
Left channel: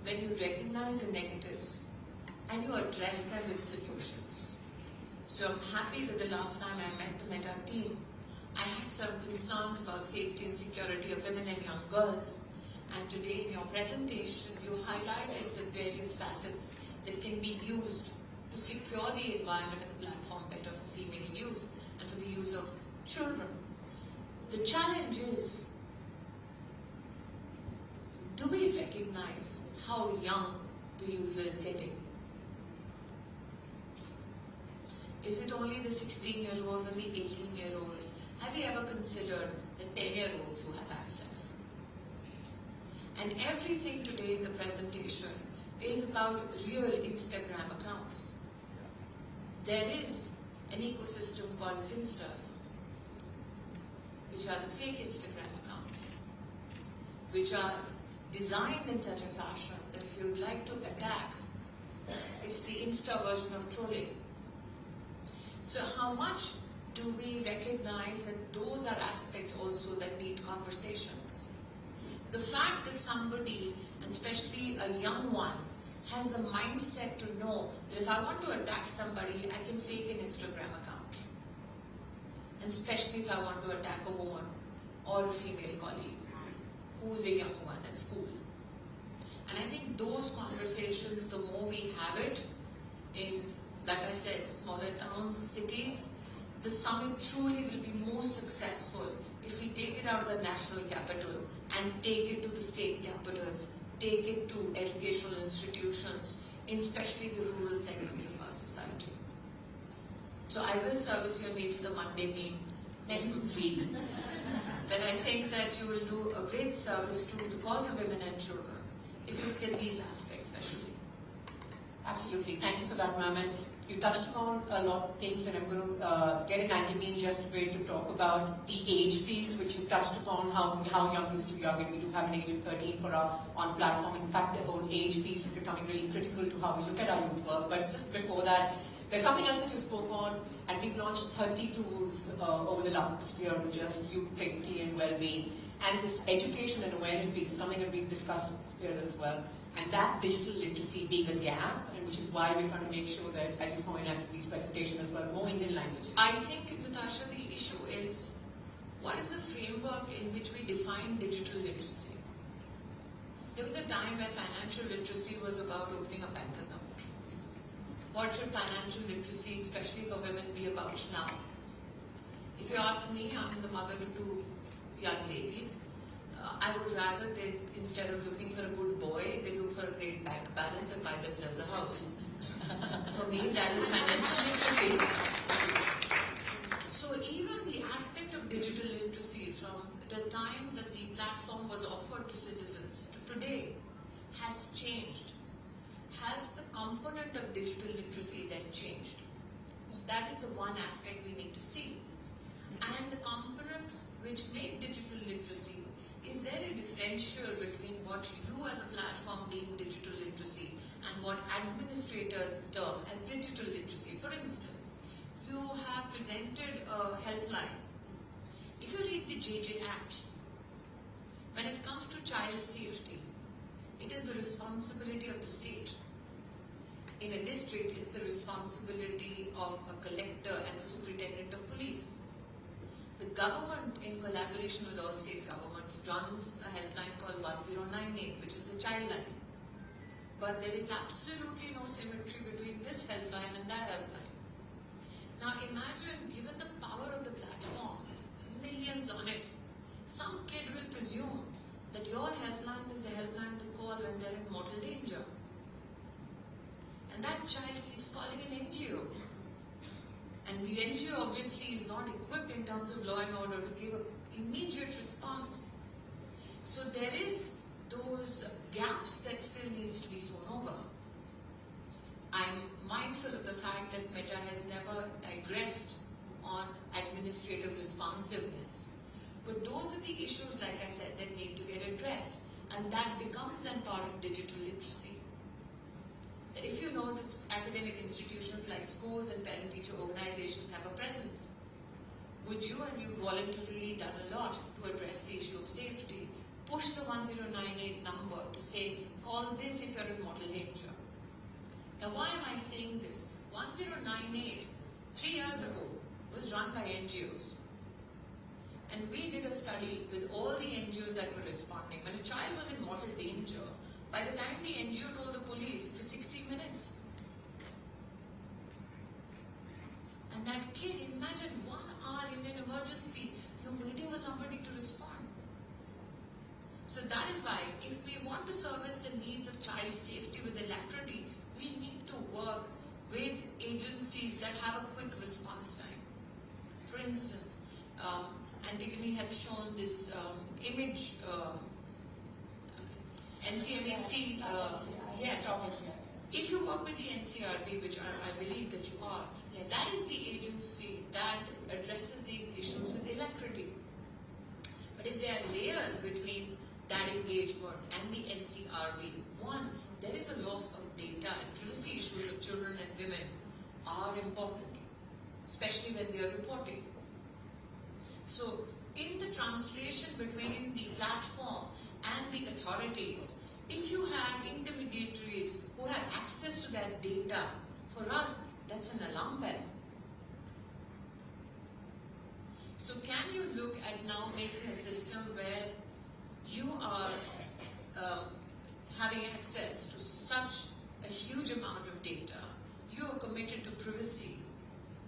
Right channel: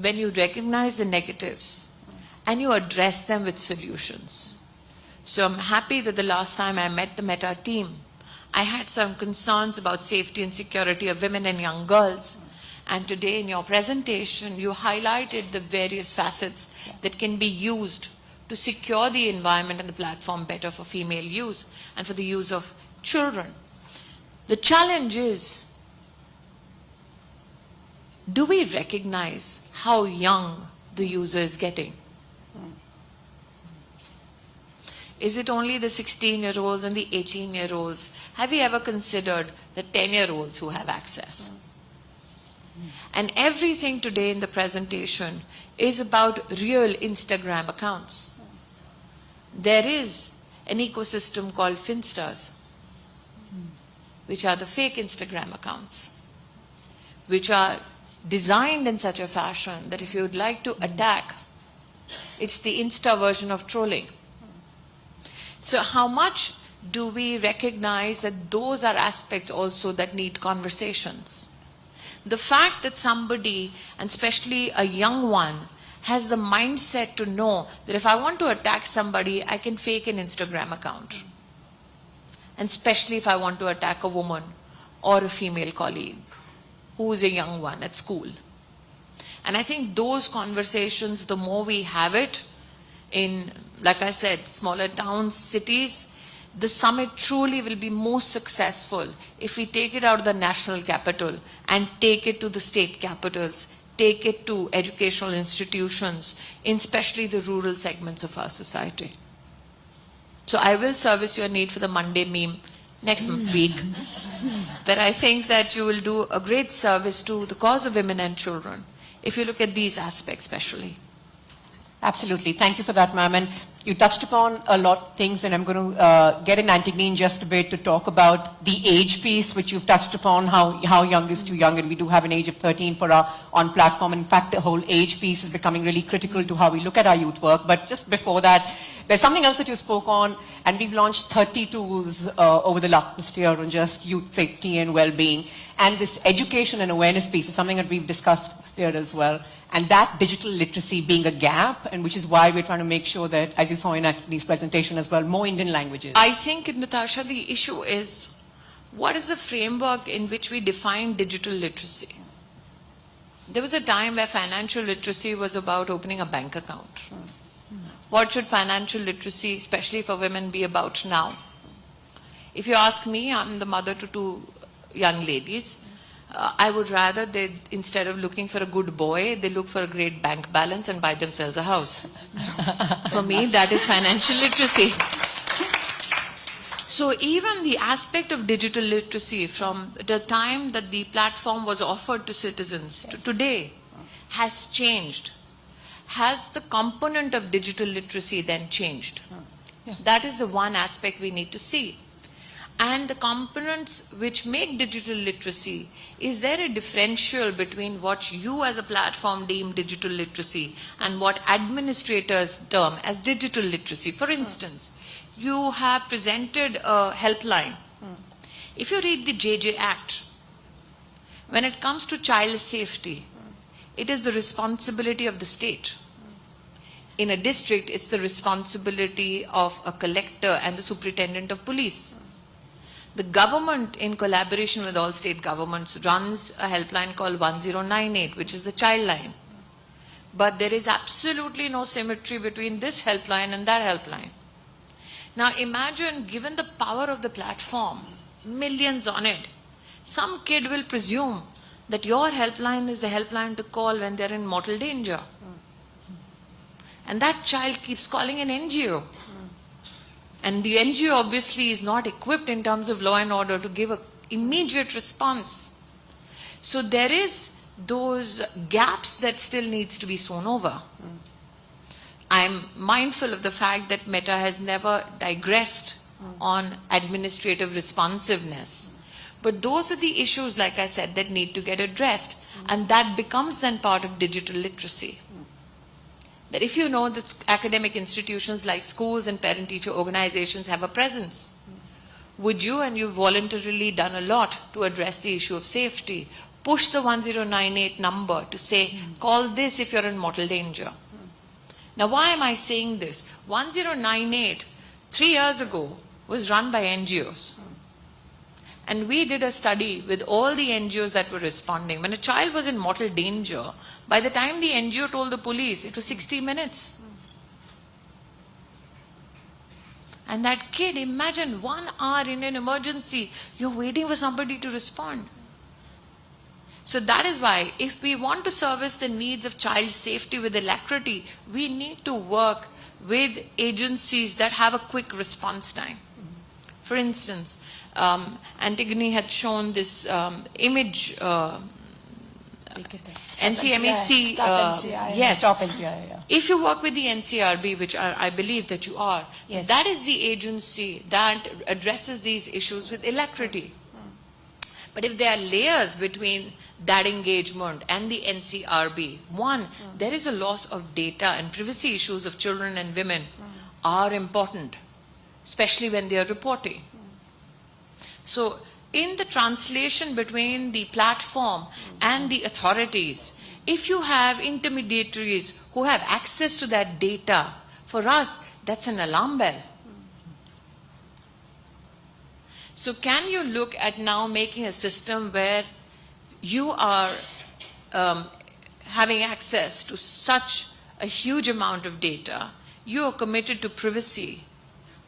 when you recognize the negatives and you address them with solutions. So I'm happy that the last time I met the Meta team, I had some concerns about safety and security of women and young girls. And today in your presentation, you highlighted the various facets that can be used to secure the environment and the platform better for female use and for the use of children. The challenge is, do we recognize how young the user is getting? Is it only the 16-year-olds and the 18-year-olds? Have we ever considered the 10-year-olds who have access? And everything today in the presentation is about real Instagram accounts. There is an ecosystem called Finstars, which are the fake Instagram accounts, which are designed in such a fashion that if you would like to attack, it's the Insta version of trolling. So how much do we recognize that those are aspects also that need conversations? The fact that somebody, and especially a young one, has the mindset to know that if I want to attack somebody, I can fake an Instagram account. And especially if I want to attack a woman or a female colleague who is a young one at school. And I think those conversations, the more we have it in, like I said, smaller towns, cities, the summit truly will be most successful if we take it out of the national capital and take it to the state capitals, take it to educational institutions, in especially the rural segments of our society. So I will service your need for the Monday meme next week. But I think that you will do a great service to the cause of women and children if you look at these aspects especially. Absolutely. Thank you for that, ma'am. And you touched upon a lot of things, and I'm going to get in Antigone in just a bit to talk about the age piece, which you've touched upon, how young is too young, and we do have an age of 13 for our on-platform. In fact, the whole age piece is becoming really critical to how we look at our youth work. But just before that, there's something else that you spoke on, and we've launched 30 tools over the last year on just youth safety and well-being. And this education and awareness piece is something that we've discussed here as well. And that digital literacy being a gap, and which is why we're trying to make sure that, as you saw in Antigone's presentation as well, more Indian languages. I think, Natasha, the issue is, what is the framework in which we define digital literacy? There was a time where financial literacy was about opening a bank account. What should financial literacy, especially for women, be about now? If you ask me, I'm the mother to two young ladies. I would rather they, instead of looking for a good boy, they look for a great bank balance and buy themselves a house. For me, that is financial literacy. So even the aspect of digital literacy from the time that the platform was offered to citizens to today has changed. Has the component of digital literacy then changed? That is the one aspect we need to see. And the components which make digital literacy, is there a differential between what you as a platform deem digital literacy and what administrators term as digital literacy? For instance, you have presented a helpline. If you read the JJ Act, when it comes to child safety, it is the responsibility of the state. In a district, it's the responsibility of a collector and the superintendent of police. The government, in collaboration with all state governments, runs a helpline called 1098, which is the child line. But there is absolutely no symmetry between this helpline and that helpline. Now imagine, given the power of the platform, millions on it, some kid will presume that your helpline is the helpline to call when they're in mortal danger. And that child keeps calling an NGO. And the NGO obviously is not equipped in terms of law and order to give an immediate response. So there is those gaps that still needs to be sewn over. I'm mindful of the fact that Meta has never digressed on administrative responsiveness. But those are the issues, like I said, that need to get addressed. And that becomes then part of digital literacy. That if you know that academic institutions like schools and parent-teacher organizations have a presence, would you, and you've voluntarily done a lot to address the issue of safety, push the 1098 number to say, call this if you're in mortal danger. Now, why am I saying this? 1098, 3 years ago, was run by NGOs. And we did a study with all the NGOs that were responding. When a child was in mortal danger, by the time the NGO told the police, it was 60 minutes. And that kid, imagine 1 hour in an emergency, you're waiting for somebody to respond. So that is why, if we want to service the needs of child safety with alacrity, we need to work with agencies that have a quick response time. For instance, Antigone had shown this image, NCMEC. Stop NCI, yeah. If you work with the NCRB, which I believe that you are, Yes. that is the agency that addresses these issues with alacrity. But if there are layers between that engagement and the NCRB, one, there is a loss of data, and privacy issues of children and women are important. especially when they are reporting. So in the translation between the platform and the authorities, if you have intermediaries who have access to that data, for us, that's an alarm bell. So can you look at now making a system where you are having access to such a huge amount of data, you are committed to privacy,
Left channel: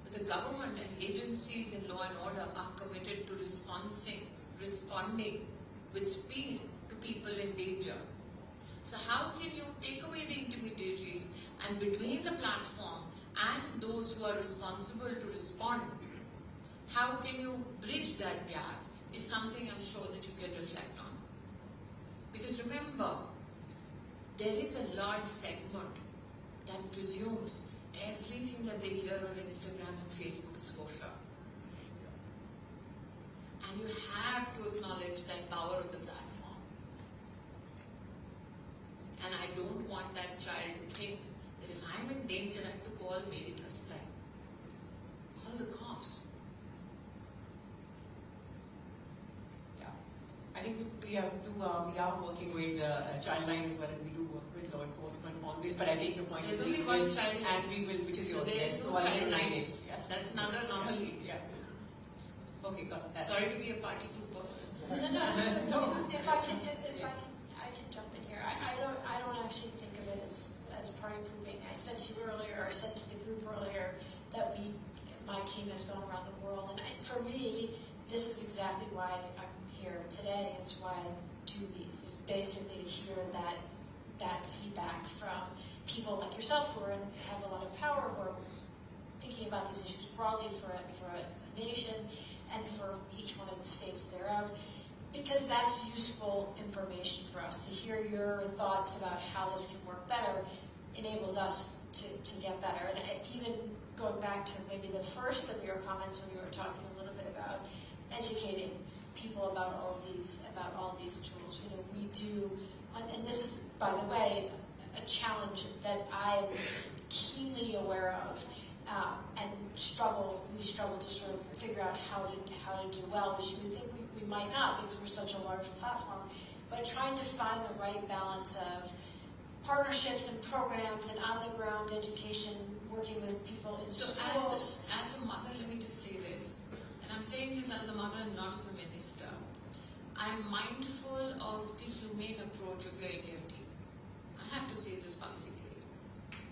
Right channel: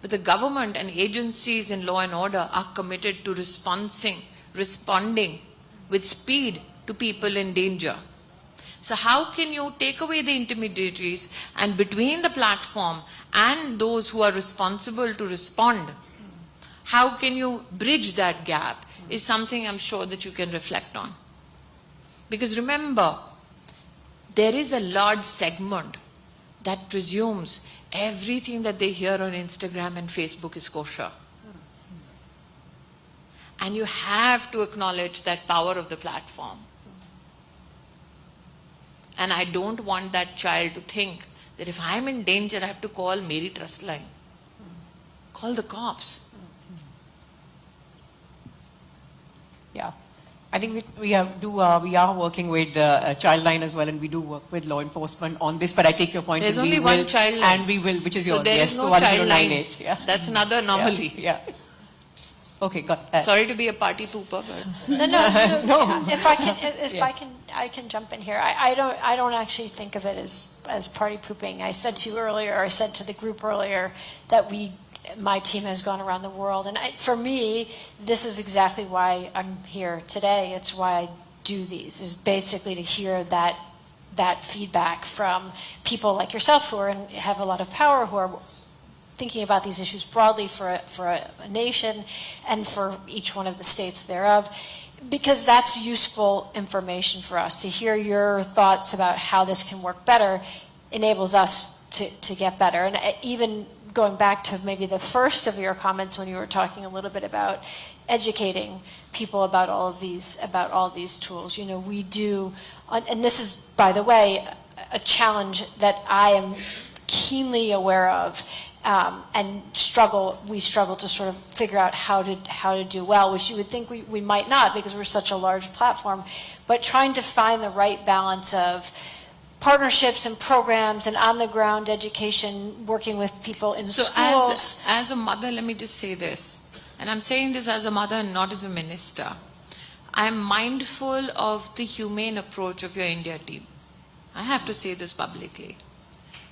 but the government and agencies in law and order are committed to responding with speed to people in danger. So how can you take away the intermediaries, and between the platform and those who are responsible to respond, how can you bridge that gap is something I'm sure that you can reflect on. Because remember, there is a large segment that presumes everything that they hear on Instagram and Facebook is kosher. And you have to acknowledge that power of the platform. And I don't want that child to think that if I'm in danger, I have to call Mary Trust Line. Call the cops. Yeah. I think we are working with Childline as well, and we do work with law enforcement on this. But I take your point. There's and only one Childline, and we will, which is so yours. there Yes, is no 1098. Childlines. Yeah. That's another anomaly. Yeah. Okay. Got Sorry to be a party pooper, but No. So No. if I can jump in here. I don't actually think of it as party pooping. I said to you earlier, or I said to the group earlier, that my team has gone around the world, and for me, this is exactly why I'm here today. It's why I do these, is basically to hear that feedback from people like yourself who have a lot of power, who are thinking about these issues broadly for a nation and for each one of the states thereof, because that's useful information for us. To hear your thoughts about how this can work better enables us to get better. And even going back to maybe the first of your comments when you were talking a little bit about educating people about all of these tools, we do, and this is, by the way, a challenge that I am keenly aware of, and we struggle to sort of figure out how to do well, which you would think we might not, because we're such a large platform, but trying to find the right balance of partnerships and programs and on-the-ground education, working with people in schools. So as a mother, let me just say this, and I'm saying this as a mother and not as a minister. I'm mindful of the humane approach of your India team. I have to say this publicly,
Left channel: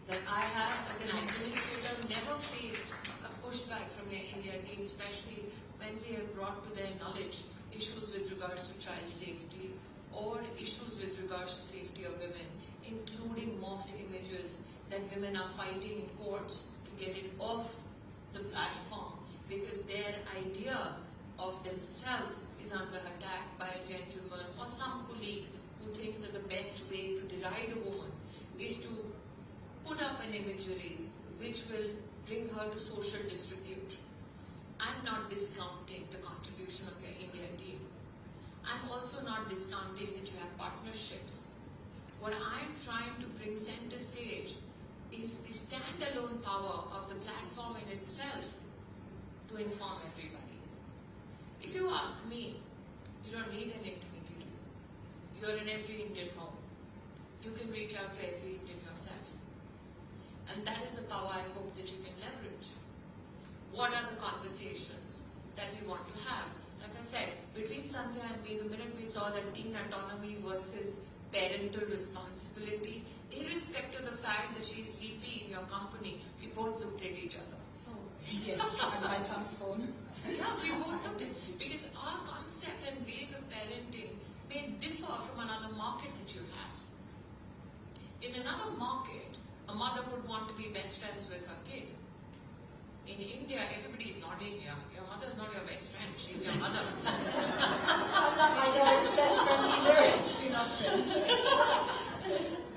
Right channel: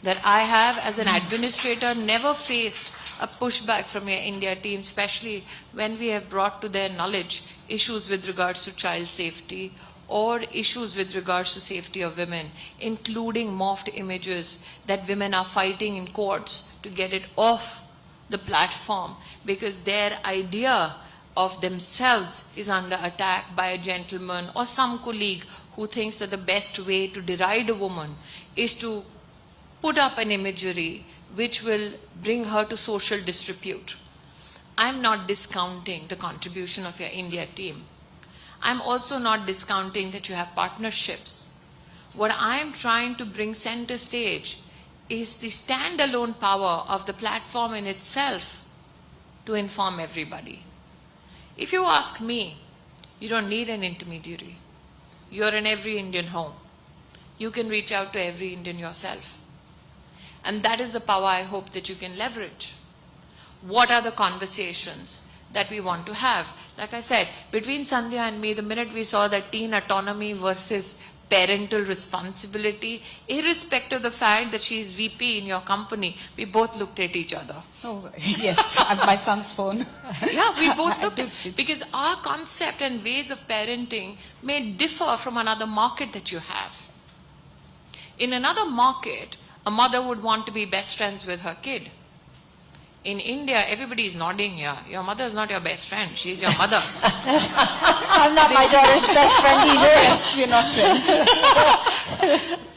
that I have, as an administrator, never faced a pushback from your India team, especially when we have brought to their knowledge issues with regards to child safety or issues with regards to safety of women, including morphed images that women are fighting in courts to get it off the platform because their idea of themselves is under attack by a gentleman or some colleague who thinks that the best way to deride a woman is to put up an imagery which will bring her to social disrepute. I'm not discounting the contribution of your India team. I'm also not discounting that you have partnerships. What I'm trying to bring center stage is the standalone power of the platform in itself to inform everybody. If you ask me, you don't need an intermediary. You're in every Indian home. You can reach out to every Indian yourself. And that is the power I hope that you can leverage. What are the conversations that we want to have? Like I said, between Sandhya and me, the minute we saw that teen autonomy versus parental responsibility, irrespective of the fact that she is VP in your company, we both looked at each other. Oh, yes, I have my son's phone. Yeah, we both looked at, because our concept and ways of parenting may differ from another market that you have. In another market, a mother would want to be best friends with her kid. In India, everybody is nodding here. Your mother is not your best friend. She is your mother. I'm not my daughter's best friend either. Yes, we're not friends.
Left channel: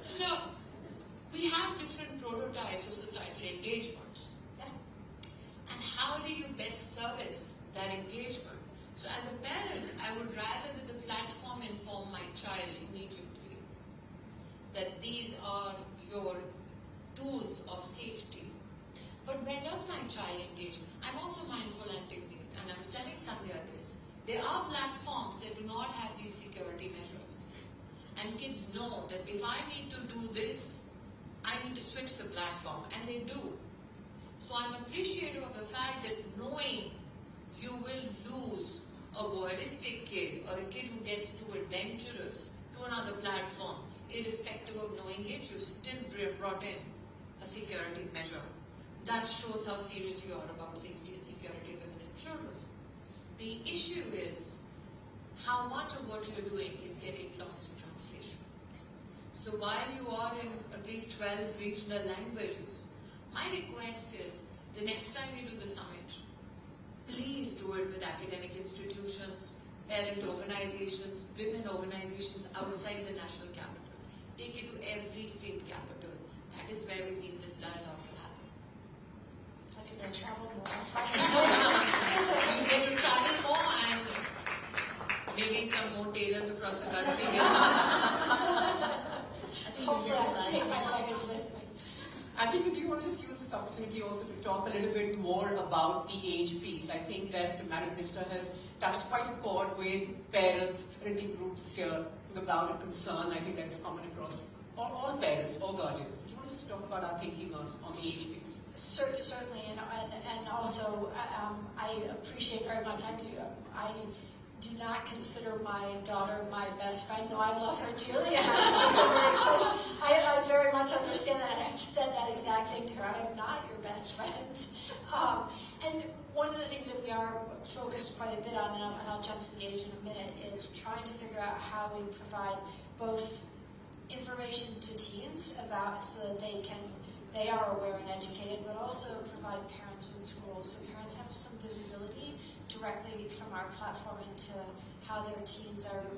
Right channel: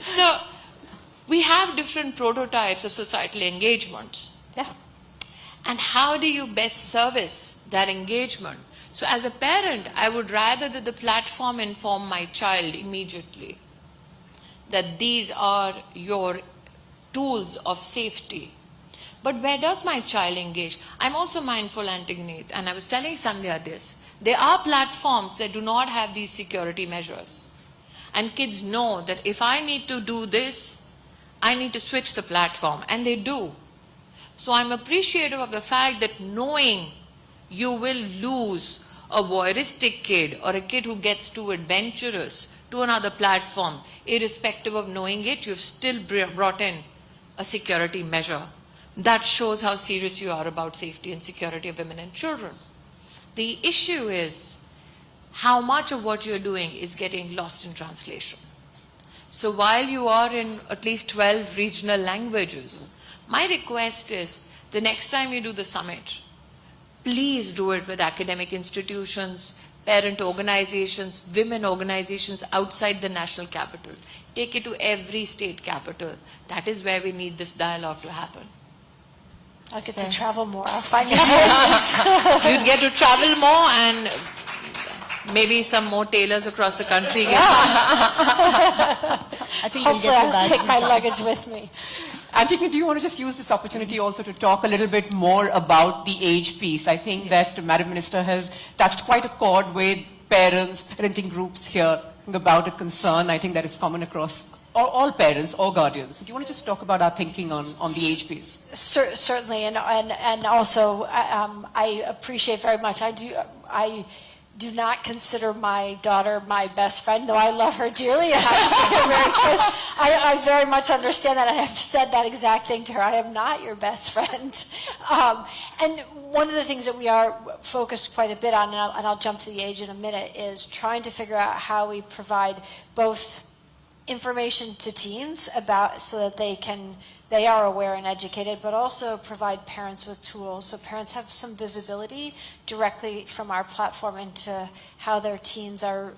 So, we have different prototypes of societal engagements. Yeah. And how do you best service that engagement? So as a parent, I would rather that the platform inform my child immediately that these are your tools of safety. But where does my child engage? I'm also mindful, Antigone, and I was telling Sandhya this. There are platforms that do not have these security measures. And kids know that if I need to do this, I need to switch the platform, and they do. So I'm appreciative of the fact that knowing you will lose a voyeuristic kid or a kid who gets too adventurous to another platform, irrespective of knowing it, you've still brought in a security measure. That shows how serious you are about safety and security of women and children. The issue is how much of what you're doing is getting lost in translation. So while you are in at least 12 regional languages, my request is the next time you do the summit, please do it with academic institutions, parent organizations, women organizations outside the national capital. Take it to every state capital. That is where we need this dialogue to happen. I'll get to travel more. I'll find your business. You'd get to travel more, and maybe some more tailors across the country. I think we'll Hopefully get to I'll that. take my luggage with me. Antigone, do you want to just use this opportunity also to talk a little bit more about the age piece? I think that Madam Minister has touched quite a chord with parents, parenting groups here about a concern. I think that is common across all parents, all guardians. Do you want to just talk about our thinking on the age piece? Certainly, and also I appreciate very much. I do not consider my daughter my best friend, though I love her dearly and I think her very close. I very much understand that, and I've said that exact thing to her. I am not your best friend. And one of the things that we are focused quite a bit on, and I'll jump to the age in a minute, is trying to figure out how we provide both information to teens about so that they are aware and educated, but also provide parents with tools so parents have some visibility directly from our platform into how their teens are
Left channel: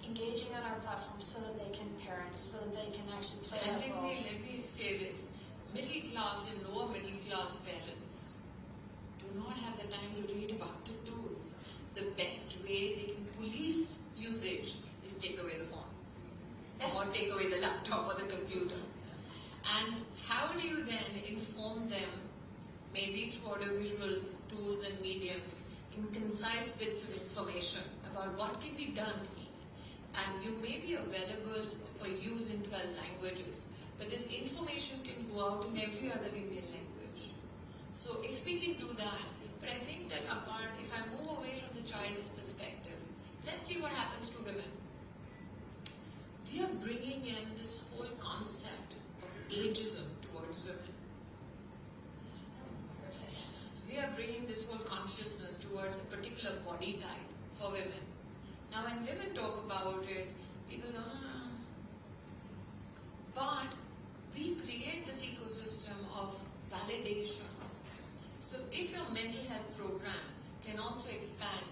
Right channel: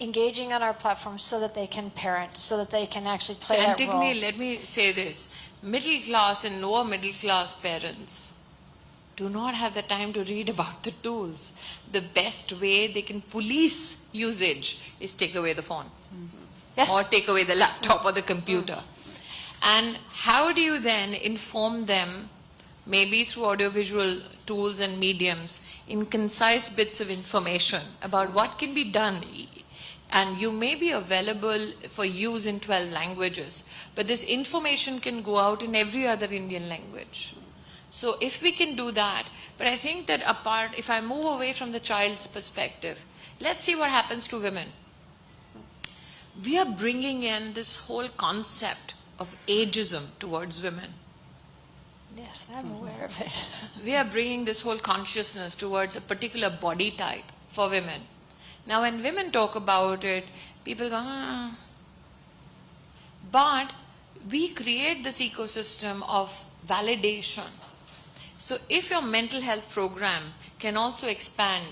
engaging on our platform so that they can parent, so that they can actually play that role. Antigone, let me say this. Middle class and lower middle class parents do not have the time to read about the tools. The best way they can police usage is take away the phone. Yes. Or take away the laptop or the computer. And how do you then inform them, maybe through audiovisual tools and mediums, in concise bits of information about what can be done? And you may be available for use in 12 languages, but this information can go out in every other Indian language. So if we can do that, but I think that apart, if I move away from the child's perspective, let's see what happens to women. We are bringing in this whole concept of ageism towards women. Yes, I'm aware of it. We are bringing this whole consciousness towards a particular body type for women. Now, when women talk about it, people go, ah. But we create this ecosystem of validation. So if your mental health program can also expand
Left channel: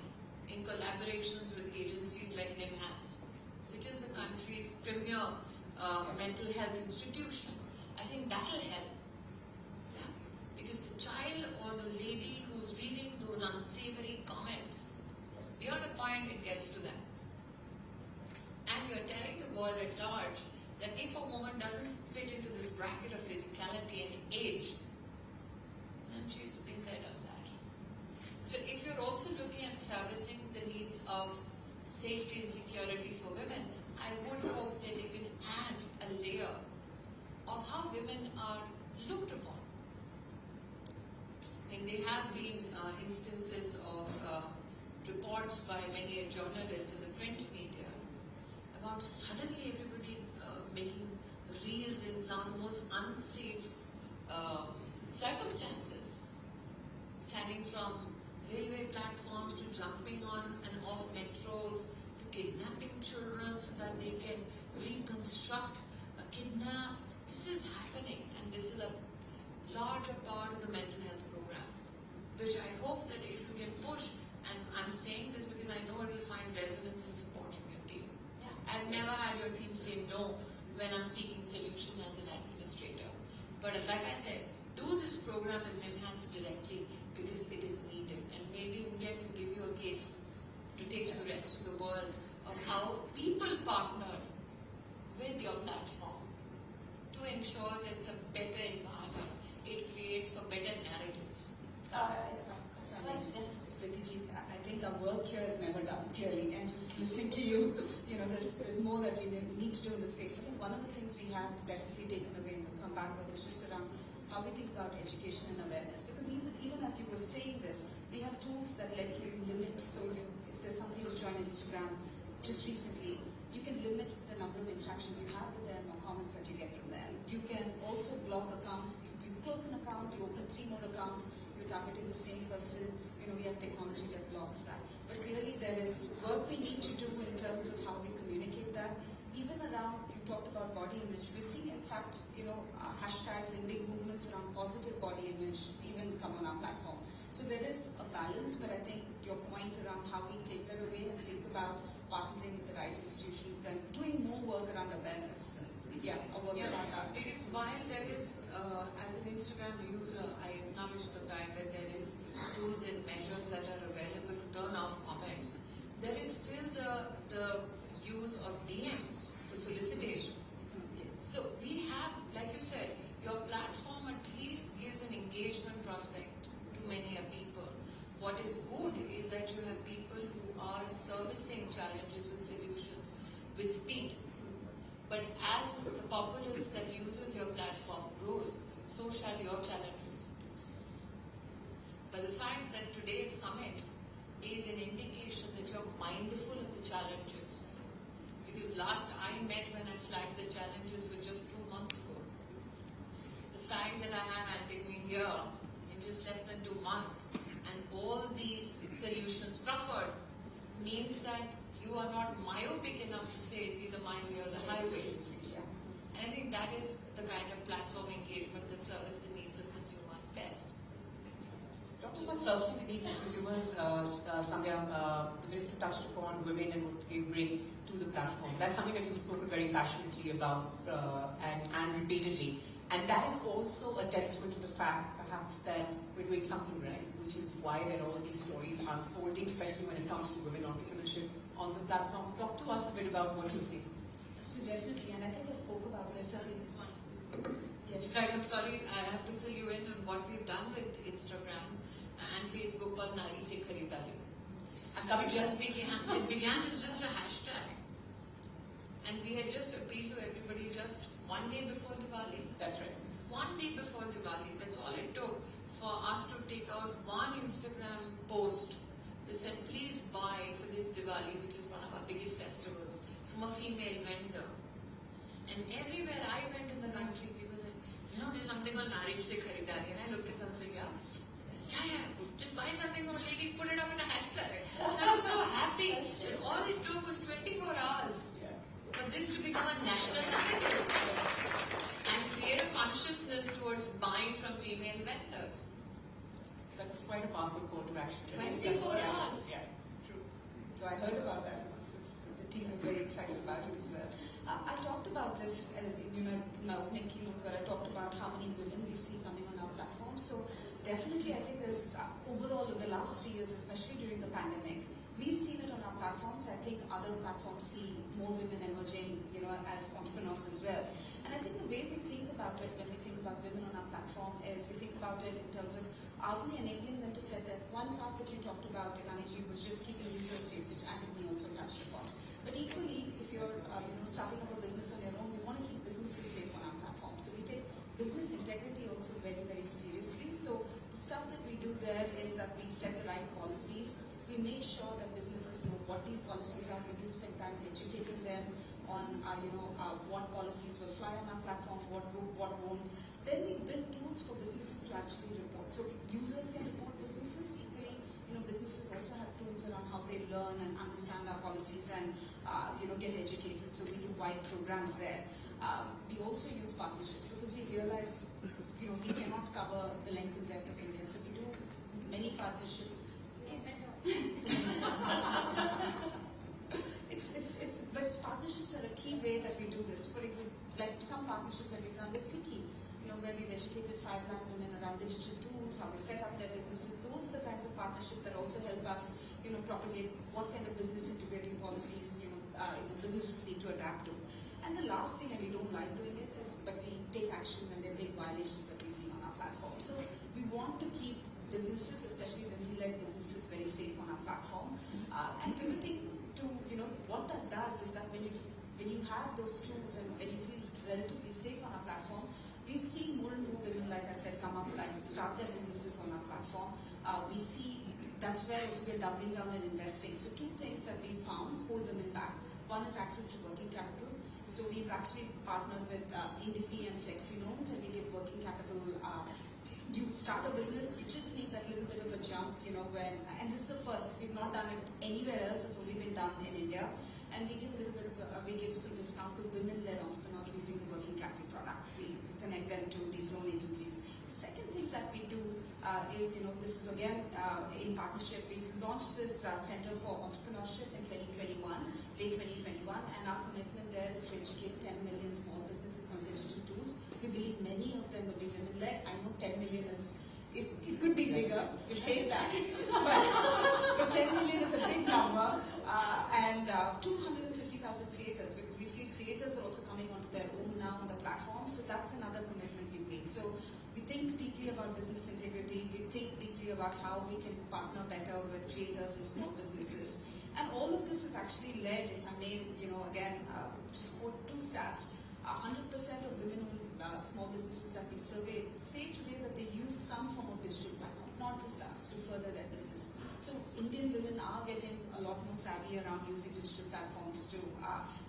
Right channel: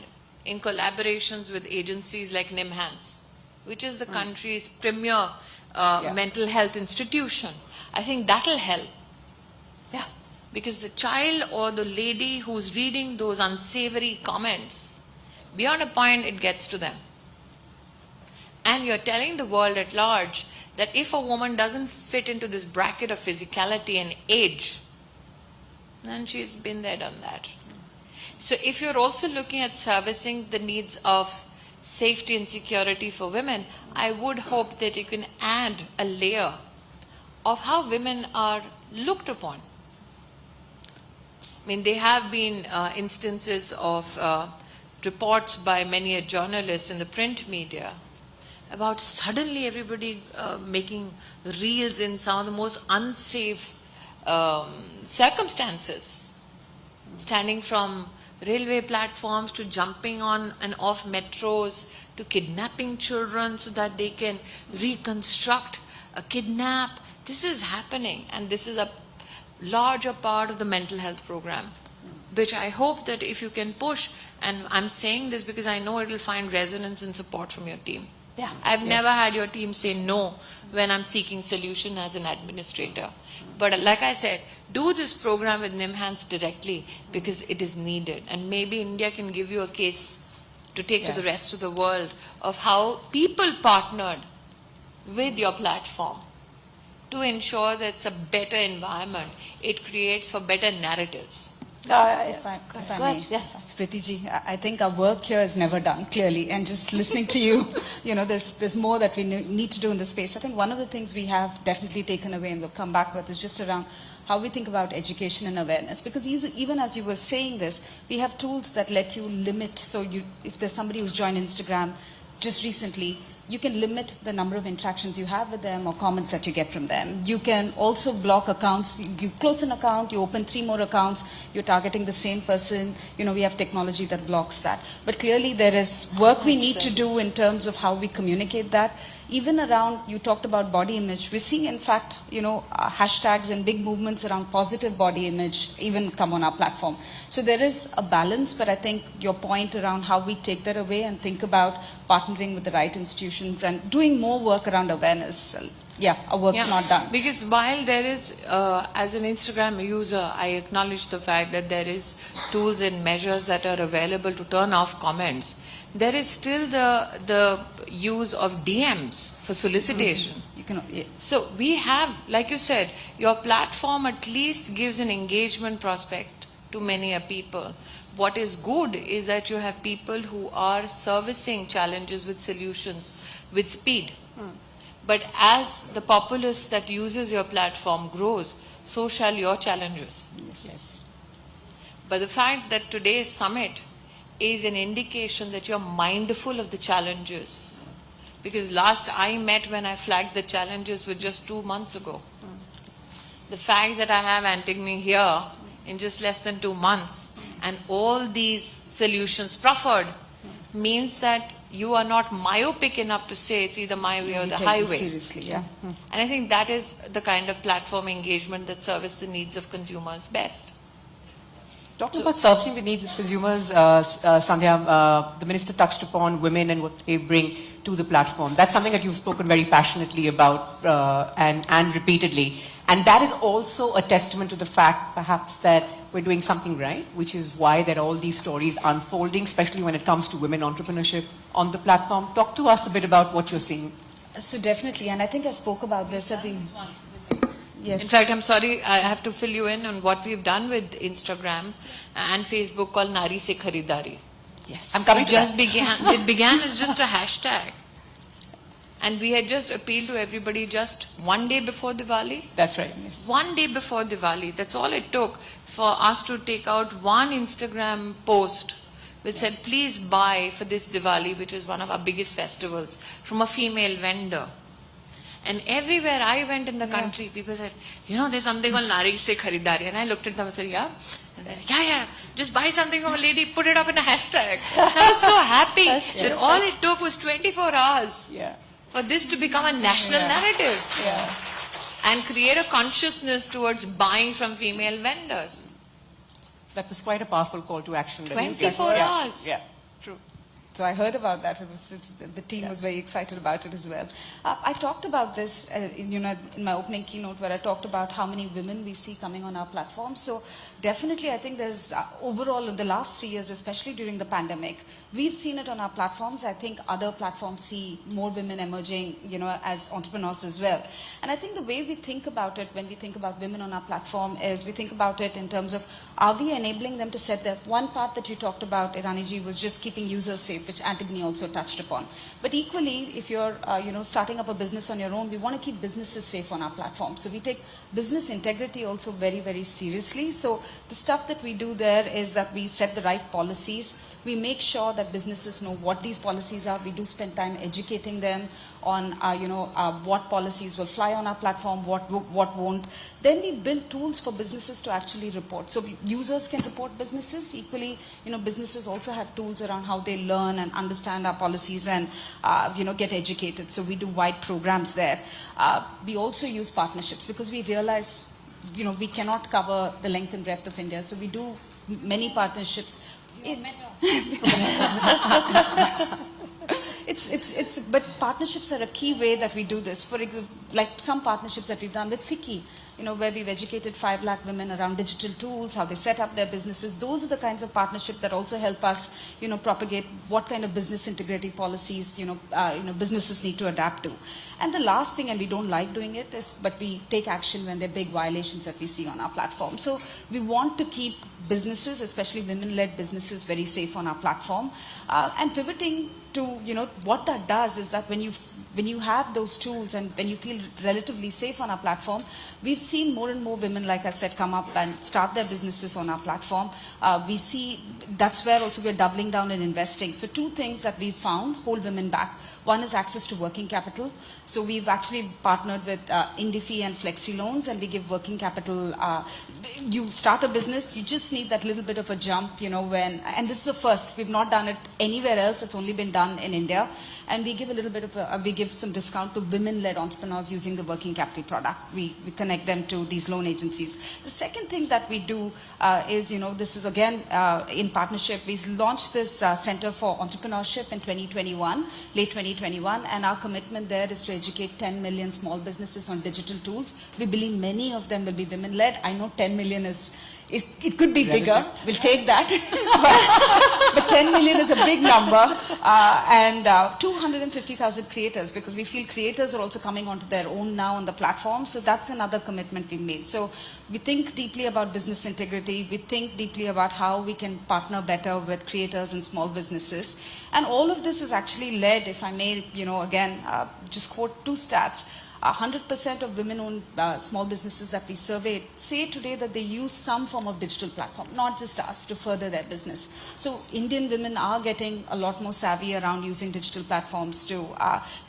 in collaborations with agencies like NIMHANS, which is the country's premier mental health institution, I think that'll help. Yeah. Because the child or the lady who's reading those unsavory comments, beyond a point it gets to them. And you're telling the world at large that if a woman doesn't fit into this bracket of physicality and age, then she's been there, done that. So if you're also looking at servicing the needs of safety and security for women, I would hope that you can add a layer of how women are looked upon. I mean, there have been instances of reports by many a journalist in the print media about suddenly everybody making reels in some of the most unsafe circumstances, standing from railway platforms to jumping on and off metros to kidnapping children so that they can reconstruct a kidnap. This is happening, and this is a larger part of the mental health program, which I hope that if you can push, and I'm saying this because I know it'll find resonance and support from your team. Yeah. I've never had your team say no when I'm seeking solution as an administrator. But like I said, do this program with NIMHANS directly because it is needed. And maybe India can give you a case to take to the rest of the world of how people partnered with your platform to ensure that it's a better environment. It creates for better narratives. If I Go may, ahead. Yes. Smriti ji, I think our work here is never done, clearly. And just listening to you, there's more that we need to do in this space. I think one of the things we have definitely taken away and we'll come back with is just around how we think about education and awareness. Because even as you were saying this, we have tools that let you limit. So if there's somebody who's joined Instagram just recently, you can limit the number of interactions you have with them or comments that you get from them. You can also block accounts. You close an account, you open 3 more accounts, you're targeting the same person. We have technology that blocks that. But clearly there is work we need to do in terms of how we communicate that. Even around, you talked about body image. We're seeing, in fact, hashtags and big movements around positive body image even come on our platform. So there is a balance, but I think your point around how we take that away and think about partnering with the right institutions and doing more work around awareness. Yeah, our work's not done. Because while there is, as an Instagram user, I acknowledge the fact that there is tools and measures that are available to turn off comments. There is still the use of DMs for solicitation. So we have, like you said, your platform at least gives an engagement prospect to many people. What is good is that you have people who are servicing challenges with solutions with speed. But as the populace that uses your platform grows, so shall your challenges. Yes. But the fact that today's summit is an indication that you're mindful of the challenges. Because last I met when I flagged the challenges was just 2 months ago. The fact that I have Antigone here in just less than 2 months and all these solutions proffered means that you are not myopic enough to say it's either my way or the highway. Seriously, yeah. And I think that is the kind of platform engagement that serves the needs of consumers best. Talking about serving the needs of consumers, Sandhya, the Minister touched upon women and what they bring to the platform. That's something that you've spoken very passionately about and repeatedly. And that is also a testament to the fact, perhaps, that we're doing something right, which is why there are all these stories unfolding, especially when it comes to women entrepreneurship on the platform. Talk to us a bit about what you're seeing. So definitely, and I think I spoke about this at the... Yes. In fact, I'm sorry, I have to fill you in on what we've done with Instagram and Facebook called Nari Se Kharidari. Yes. I'm coming It to just that. it began as just a hashtag. And we had just appealed to everybody just one day before Diwali. That's right. Yes. One day before Diwali. That's all it took for us to take out one Instagram post which said, please buy for this Diwali, which is one of our biggest festivals, from a female vendor. And everywhere I went in the country, people said, there's something called Nari Se Kharidari. And I looked at them and said, yeah. And they're like, yeah, just buy something from a lady, put it up in a hashtag. So I was so happy that all it took was 24 hours for this to become a national narrative. And create a consciousness towards buying from female vendors. That was quite a powerful call to action. 24 hours. Yeah, true. So I heard about that. The team was very excited about it as well. I talked about this in my opening keynote where I talked about how many women we see coming on our platform. So definitely I think there's overall in the last 3 years, especially during the pandemic, we've seen it on our platforms. I think other platforms see more women emerging, as entrepreneurs as well. And I think the way we think about it when we think about women on our platform is we think about it in terms of, are we enabling them to set their... One part that you talked about, Irani ji, was just keeping users safe, which Antigone also touched upon. But equally, if you're, starting up a business on your own, we want to keep businesses safe on our platform. So we take business integrity also very, very seriously. So the stuff that we do there is that we set the right policies. We make sure that businesses know what these policies are. We do spend time educating them on, what policies will fly on our platform, what won't. Then we build tools for businesses to actually report. So users can report businesses. Equally, businesses also have tools around how they learn and understand our policies and, get educated. So we do wide programs there. We also use partnerships because we realize, we cannot cover the length and breadth of India. So we do many partnerships. But partnerships are a key way that we do this. For example, like some partnerships that we've done with FICCI, where we've educated 5 lakh women around digital tools, how they set up their businesses. Those are the kinds of partnerships that also help us, propagate what kind of business integrity policies, businesses need to adapt to. And the last thing, and we don't like doing it, but we take action when there are big violations that we see on our platform. So we want to keep businesses, especially women-led businesses, very safe on our platform. And pivoting to, what that does is that when you have those tools and when you feel relatively safe on our platform, we've seen more and more women, like I said, come up and start their businesses on our platform. We see that's where also we're doubling down and investing. So 2 things that we've found hold women back. One is access to working capital. So we've actually partnered with Indifi and Flexi Loans, and we give working capital. You start a business, you just need that little bit of a jump, and this is the first. We've not done it anywhere else. It's only been done in India. And we give a little bit of we give some discount to women-led entrepreneurs using the working capital product. We connect them to these loan agencies. The second thing that we do is, this is again in partnership. We launched this Center for Entrepreneurship in 2021, late 2021, and our commitment there is to educate 10 million small businesses on digital tools. We believe many of them will be women-led. I know 10 million is it could be bigger. We'll take that. but 10 million is a big number. And 250,000 creators, because we feel creators are also coming onto their own now on the platform. So that's another commitment we've made. So we think deeply about business integrity. We think deeply about how we can partner better with creators and small businesses. And all of this is actually led, if I may, again, just quote 2 stats. 100% of women-owned small businesses that we surveyed say today that they use some form of digital platform, not just us, to further their business. So Indian women are getting a lot more savvy around using digital platforms to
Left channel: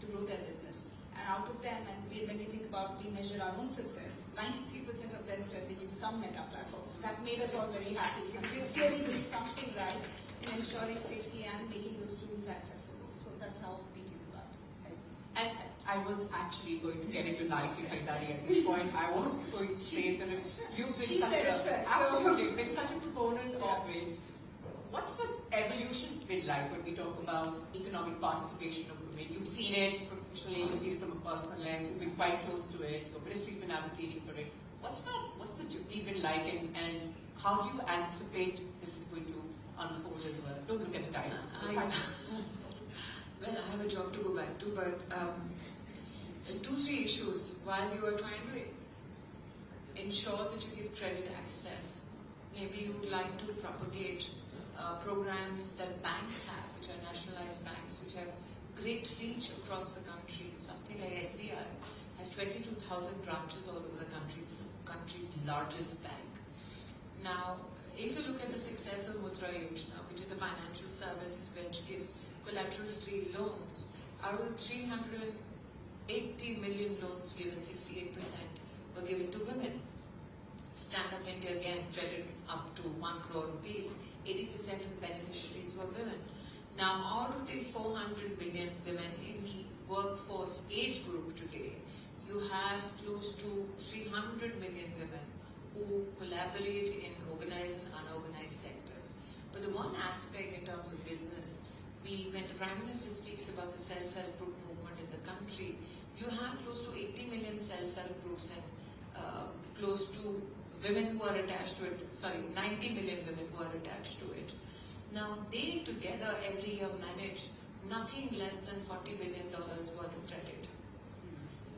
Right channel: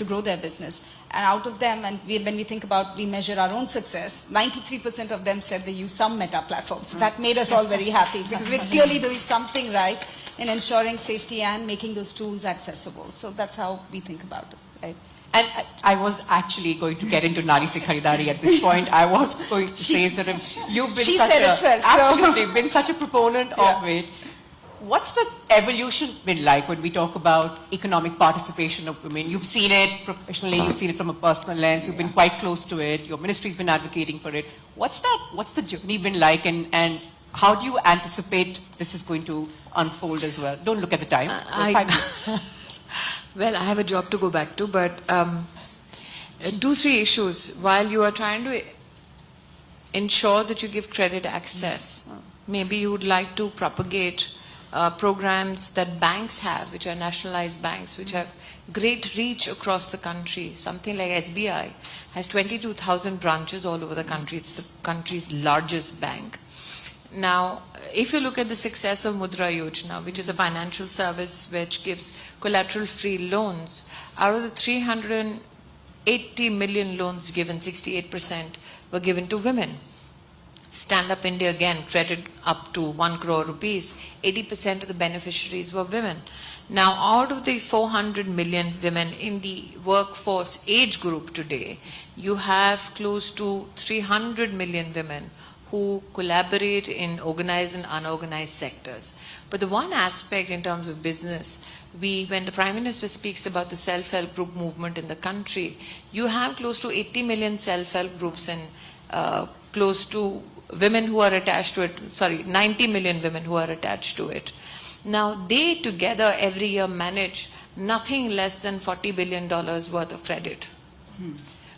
grow their business. And out of them, and when we think about, we measure our own success, 93% of them said they use some meta platforms. So that made us all very happy, because we're clearly doing something right in ensuring safety and making those tools accessible. So that's how we think about it. Right. And I was actually going to get into Nari Se Kharidari at this point. I was going to say that you've been been such a proponent of it. What's the evolution been like when we talk about economic participation of women? You've seen it professionally, you've seen it from a personal lens, you've been quite close to it, your ministry's been advocating for it. What's the journey been like, and how do you anticipate this is going to unfold as well? Don't look at the time. 5 minutes. Well, I have a job to go back to, but 2-3 issues. While you are trying to ensure that you give credit access, maybe you would like to propagate programs that banks have, which are nationalized banks, which have great reach across the country. Something like SBI has 22,000 branches all over the country. It's the country's largest bank. Now, if you look at the success of Mudra Yojana, which is a financial service which gives collateral-free loans, out of the 380 million loans given, 68% were given to women. Stand Up India, again, credit up to 1 crore rupees, 80% of the beneficiaries were women. Now, out of the 400 million women in the workforce age group today, you have close to 300 million women who collaborate in organized and unorganized sectors. But the one aspect in terms of business, when the Prime Minister speaks about the self-help group movement in the country, you have close to 80 million self-help groups and close to women who are attached to it, 90 million women who are attached to it. Now, they together every year manage nothing less than $40 billion worth of credit,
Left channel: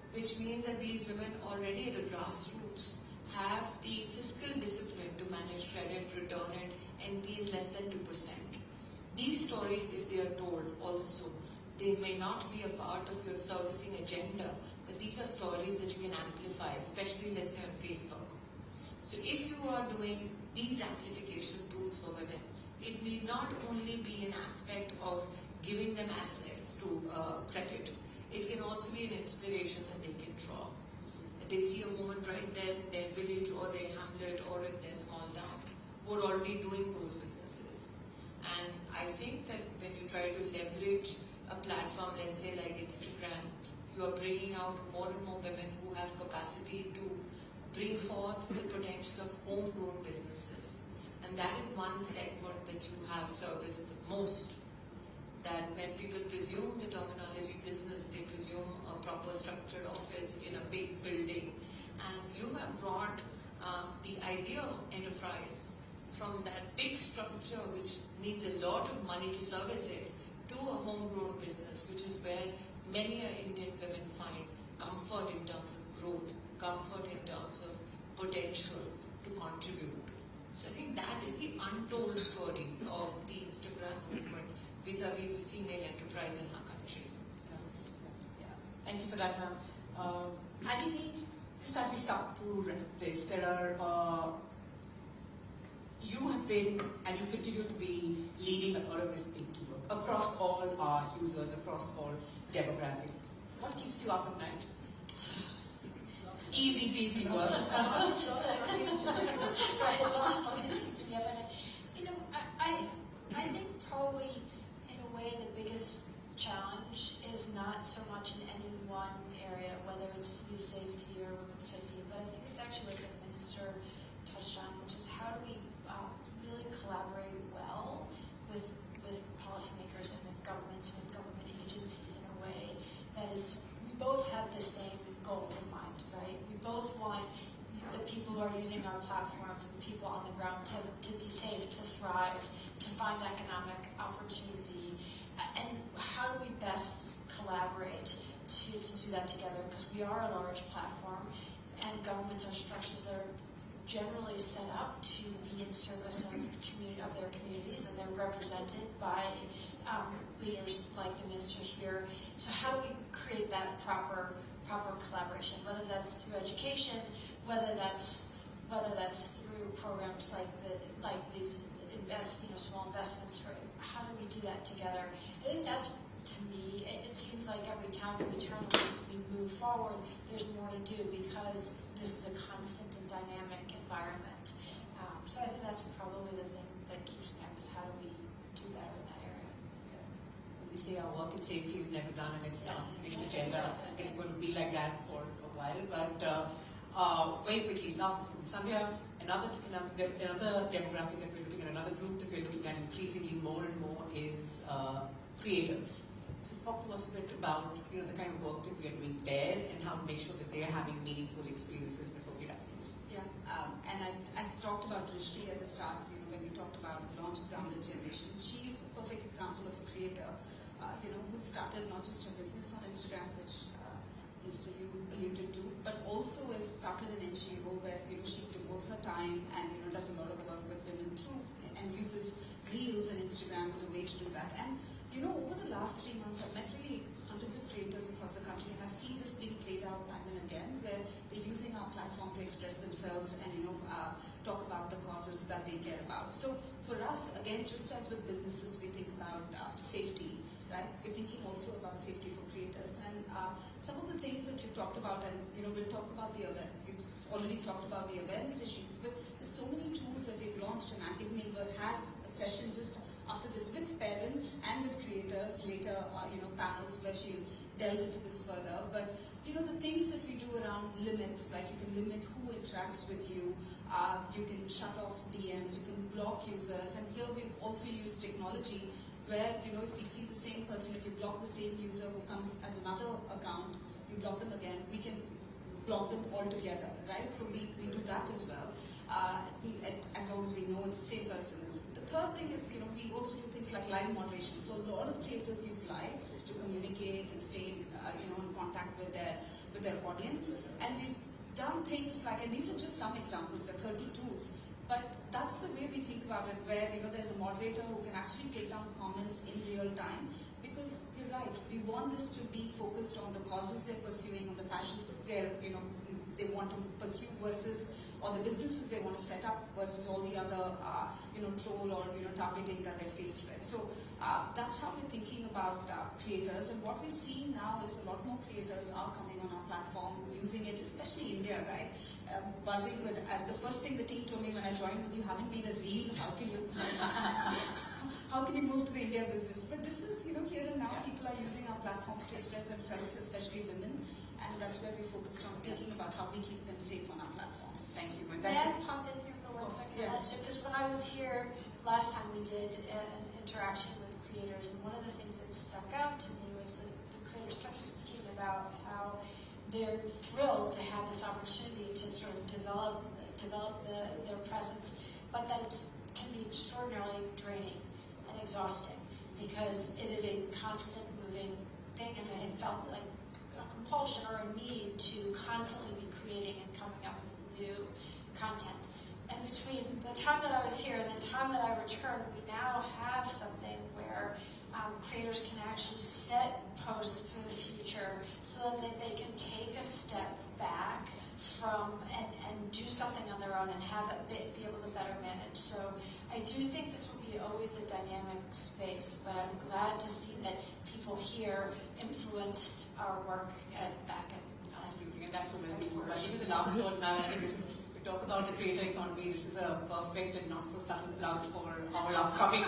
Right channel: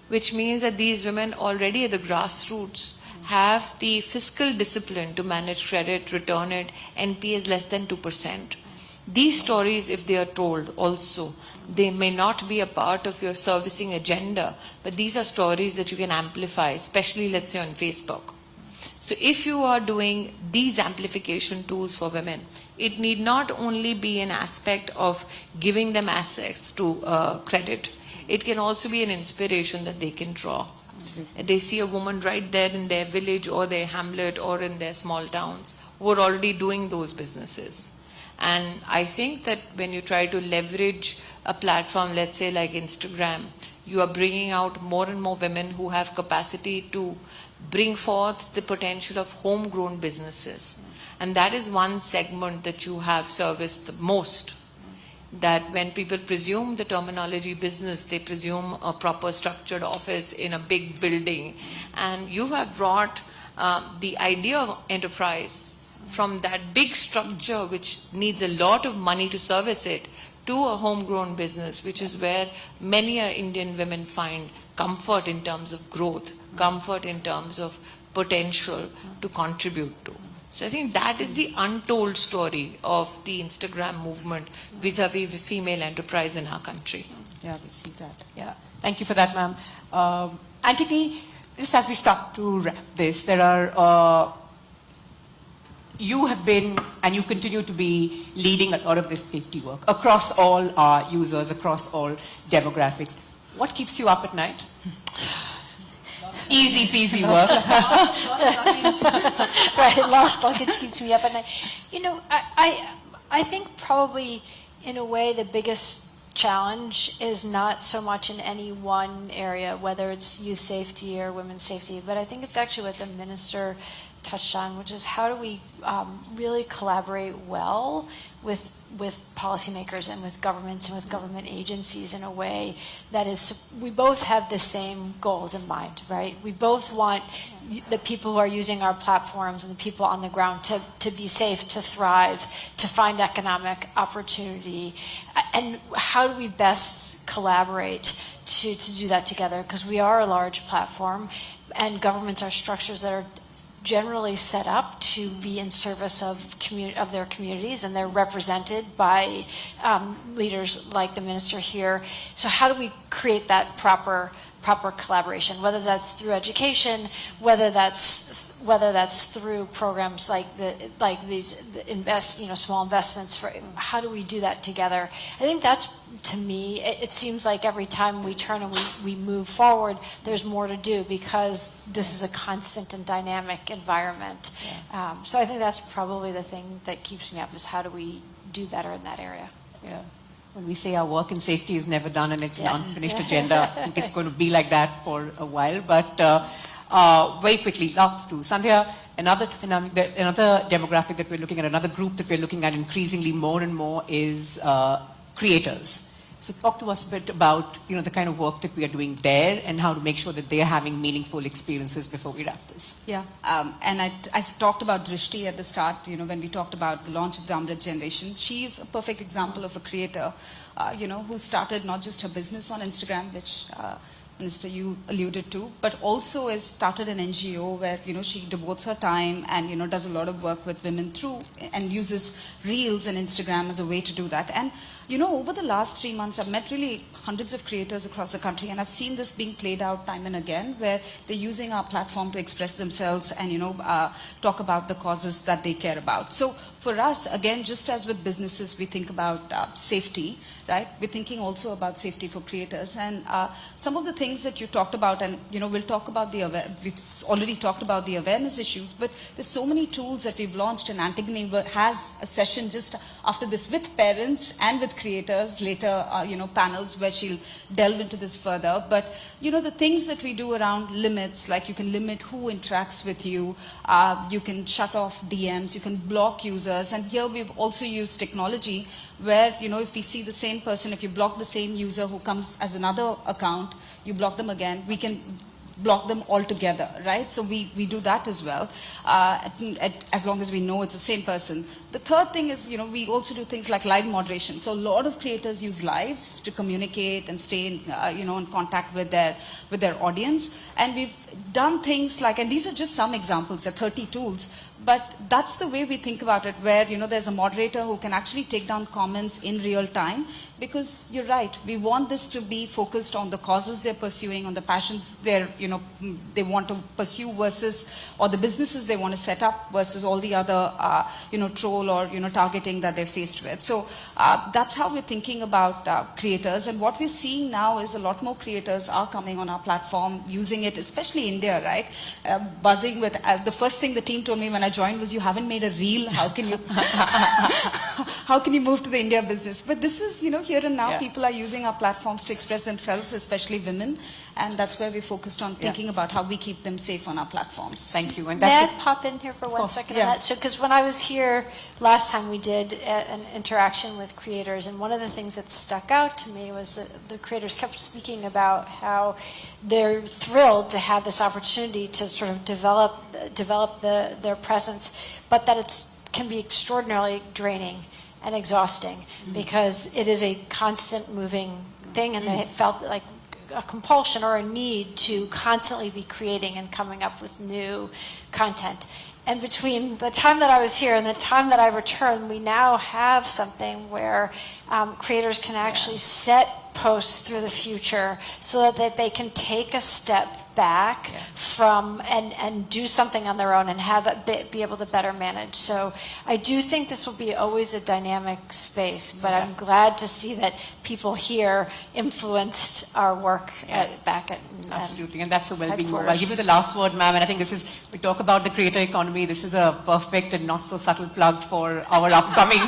which means that these women already at the grassroots have the fiscal discipline to manage credit, return it, NPAs less than 2%. These stories, if they are told also, they may not be a part of your servicing agenda, but these are stories that you can amplify, especially, let's say, on Facebook. So if you are doing these amplification tools for women, it need not only be an aspect of giving them access to credit, it can also be an inspiration that they can draw. They see a woman right there in their village or their hamlet or in their small towns who are already doing those businesses. And I think that when you try to leverage a platform, let's say like Instagram, you are bringing out more and more women who have capacity to bring forth the potential of homegrown businesses. And that is one segment that you have serviced the most. that when people presume the terminology business, they presume a proper structured office in a big building. And you have brought the idea of enterprise from that big structure which needs a lot of money to service it to a homegrown business, which is where many Indian women find comfort in terms of growth, comfort in terms of potential to contribute to. So I think that is the untold story of the Instagram movement vis-a-vis female enterprise in our country. Yeah, we see that. Yeah, thank you for that, ma'am. Antony, just as we start to wrap this, there are, you have been and you continue to be leading a lot of this safety work across all our users, across all demographics. What keeps you up at night? Easy peasy work. Right, lost luggage keeps me up at night. You know, I think probably in a way the biggest challenge is not so much in any one area, whether it's youth safety or women's safety, but I think it's actually what the minister touched on, which is how do we really collaborate well with policymakers and with governments and with government agencies in a way that is, we both have the same goals in mind, right? We both want the people who are using our platforms and the people on the ground to be safe, to thrive, to find economic opportunity. And how do we best collaborate to do that together? Because we are a large platform and governments are structures that are generally set up to be in service of their communities, and they're represented by leaders like the minister here. So how do we create that proper collaboration, whether that's through education, whether that's through programs like these small investments for, how do we do that together? I think that's, to me, it seems like every time we turn and we move forward, there's more to do because this is a constant and dynamic environment. Yeah. So I think that's probably the thing that keeps me up, is how do we do better in that area? Yeah. When we say our work in safety is never done and it's an Yeah. unfinished agenda, I think it's going to be like that for a while. But very quickly, last two. Sandhya, another demographic that we're looking at, another group that we're looking at increasingly more and more is creators. So talk to us a bit about the kind of work that we are doing there and how to make sure that they are having meaningful experiences before we wrap this. Yeah, and I talked about Drishti at the start, when we talked about the launch of the Amrit generation. She's a perfect example of a creator, who started not just her business on Instagram, which Minister, you alluded to, but also has started an NGO where, she devotes her time and, does a lot of work with women through and uses Reels and Instagram as a way to do that. And, over the last 3 months, I've met really hundreds of creators across the country, and I've seen this being played out time and again, where they're using our platform to express themselves and, talk about the causes that they care about. So for us, again, just as with businesses, we think about safety, right? We're thinking also about safety for creators. And some of the things that you talked about, and, we'll talk about we've already talked about the awareness issues, but there's so many tools that we've launched, and Antigone has a session just after this with parents and with creators, later, panels where she'll delve into this further. But, the things that we do around limits, like you can limit who interacts with you, you can shut off DMs, you can block users, and here we've also used technology where, if we see the same person, if you block the same user who comes as another account, you block them again, we can block them altogether, right? So we do that as well, as long as we know it's the same person. The third thing is, we also do things like live moderation. So a lot of creators use lives to communicate and stay in, in contact with their audience. And we've done things like, and these are just some examples, there are 30 tools, but that's the way we think about it, where, there's a moderator who can actually take down comments in real time, because you're right, we want this to be focused on the causes they're pursuing, on the passions they want to pursue versus, or the businesses they want to set up versus all the other, troll or, targeting that they're faced with. So that's how we're thinking about creators. And what we're seeing now is a lot more creators are coming on our platform, using it, especially India, right? Buzzing with, the first thing the team told me when I joined was, you haven't made a reel, how can you, how can you move to the India business? But this is, here and now, Yeah. people are using our platforms to express themselves, especially women, and that's where we're focused on thinking about how we keep them safe on our platforms. Thank you. And May that's I pop in here for 1 course, second yeah. on that? So, because when I was here last time, we did an interaction with creators, and one of the things that stuck out to me was that the creators kept speaking about how they're thrilled to have this opportunity to sort of develop their presence, but that it can be extraordinarily draining and exhausting because it is a constant moving thing, and they felt like a compulsion or a need to constantly be creating and coming up with new content. And between the time that I was here and the time that I returned, we now have something where creators can actually set posts through the future so that they can take a step back from and do something on their own and have it be able to better manage. So I do think this will be always a dynamic space, but I'm glad to see that people here influenced our work back at absolutely, and that's the well-being move. I'll headquarters. give you the last word, ma'am, and I think this is, we talk about the creator economy, this is a perfect and not so subtle plug for our upcoming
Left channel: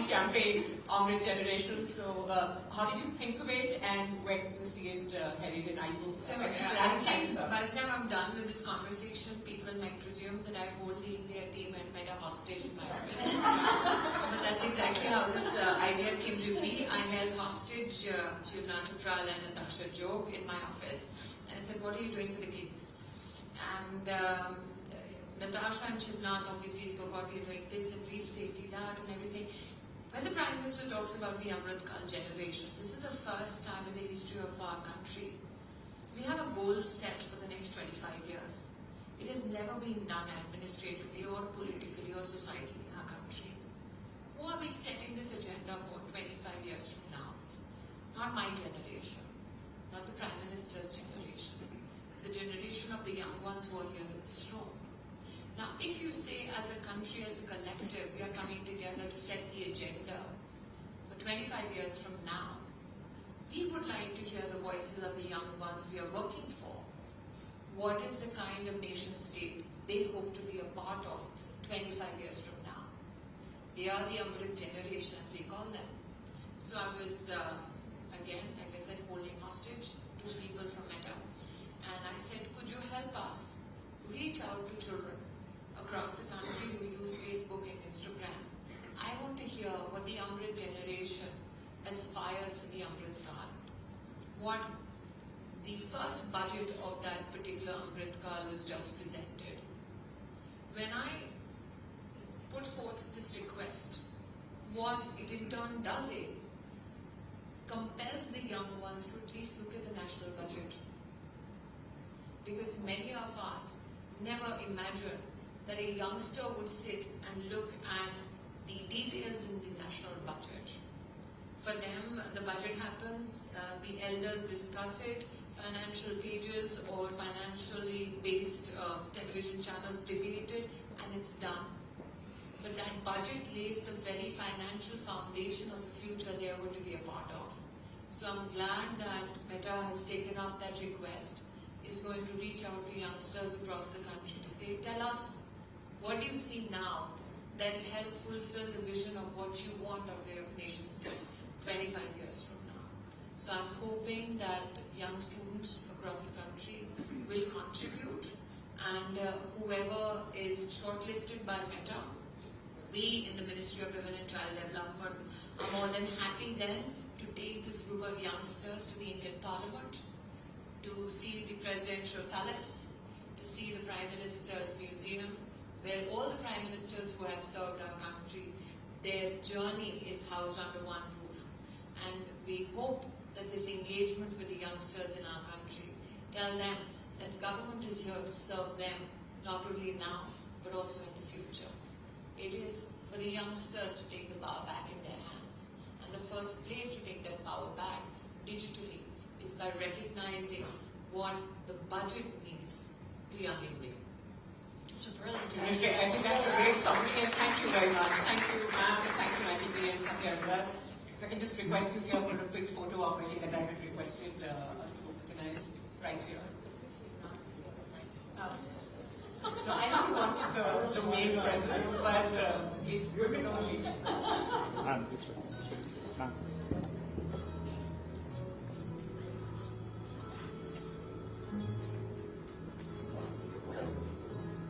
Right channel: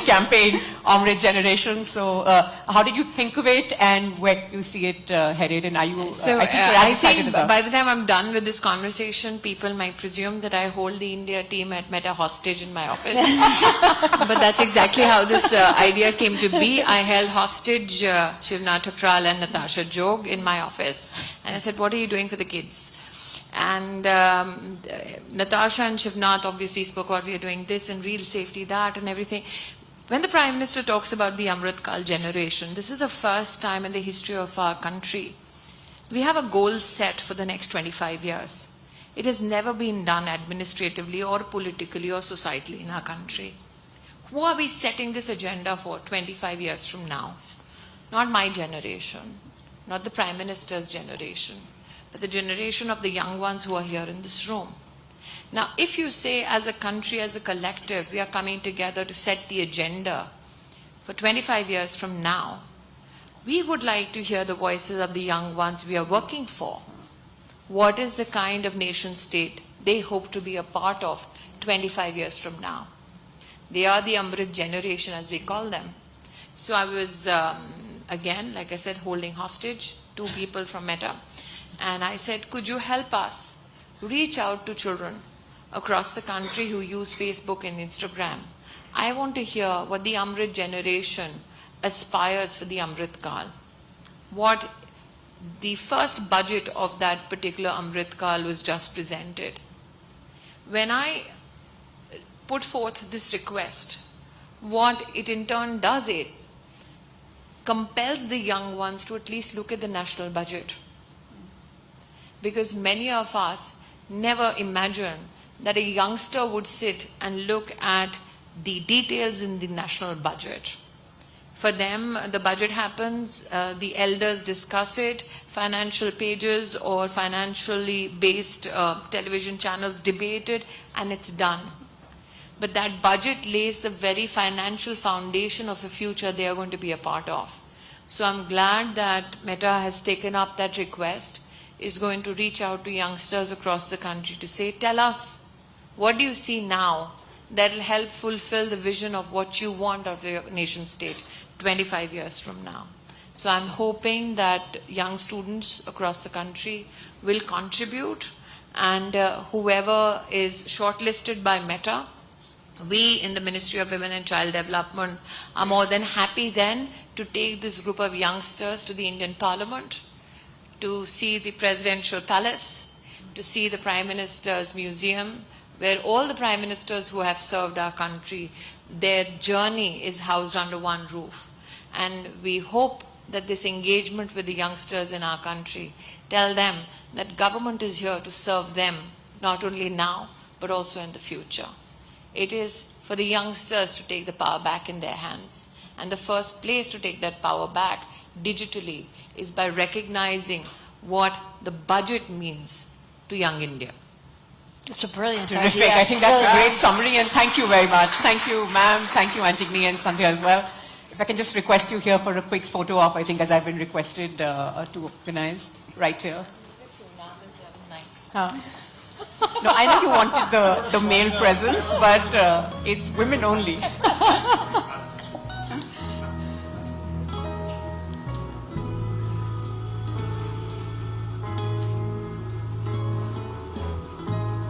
campaign, Amrit Generation. So how did you think of it and where do you see it headed, and are you, So I think you're as I excited think as us. by the time I'm done with this conversation, people might presume that I hold the India team at Meta hostage in my office. But that's exactly how this idea came to be. I held hostage Shivna Thakral and Natasha Jog in my office. And I said, what are you doing for the kids? And Natasha and Shivnath obviously spoke about we are doing this and real safety, that and everything. When the Prime Minister talks about the Amrit Kal generation, this is the first time in the history of our country we have a goal set for the next 25 years. It has never been done administratively or politically or societally in our country. Who are we setting this agenda for 25 years from now? Not my generation, not the Prime Minister's generation, but the generation of the young ones who are here in this room. Now, if you say as a country, as a collective, we are coming together to set the agenda for 25 years from now, we would like to hear the voices of the young ones we are working for. What is the kind of nation state they hope to be a part of 25 years from now? They are the Amrit generation, as we call them. So I was, again, like I said, holding hostage 2 people from Meta. And I said, could you help us reach out to children across the country who use Facebook and Instagram? I want to hear what the Amrit generation aspires for the Amrit Kal. What the first budget of that particular Amrit Kal was just presented. When I put forth this request, what it in turn does, it compels the young ones to at least look at the national budget. Because many of us never imagined that a youngster would sit and look at the details in the national budget. For them, the budget happens, the elders discuss it, financial pages or financially based television channels debate it, and it's done. But that budget lays the very financial foundation of a future they are going to be a part of. So I'm glad that Meta has taken up that request, is going to reach out to youngsters across the country to say, tell us, what do you see now that will help fulfill the vision of what you want of your nation state 25 years from now. So I'm hoping that young students across the country will contribute, and whoever is shortlisted by Meta, we in the Ministry of Women and Child Development are more than happy then to take this group of youngsters to the Indian Parliament, to see the Presidential Palace, to see the Prime Minister's Museum, where all the Prime Ministers who have served our country, their journey is housed under one roof. And we hope that this engagement with the youngsters in our country tell them that government is here to serve them, not only now, but also in the future. It is for the youngsters to take the power back in their hands. And the first place to take that power back digitally is by recognizing what the budget means to young India. It's a brilliant Terrific. idea. I think that's a great summary, and thank you very much. Thank you, ma'am. Thank you, Antigone and Sandhya as well. If I can just request you here for a quick photo op, I think, as I've been requested to organize right here. No, I know you wanted the male presence, but it's women only.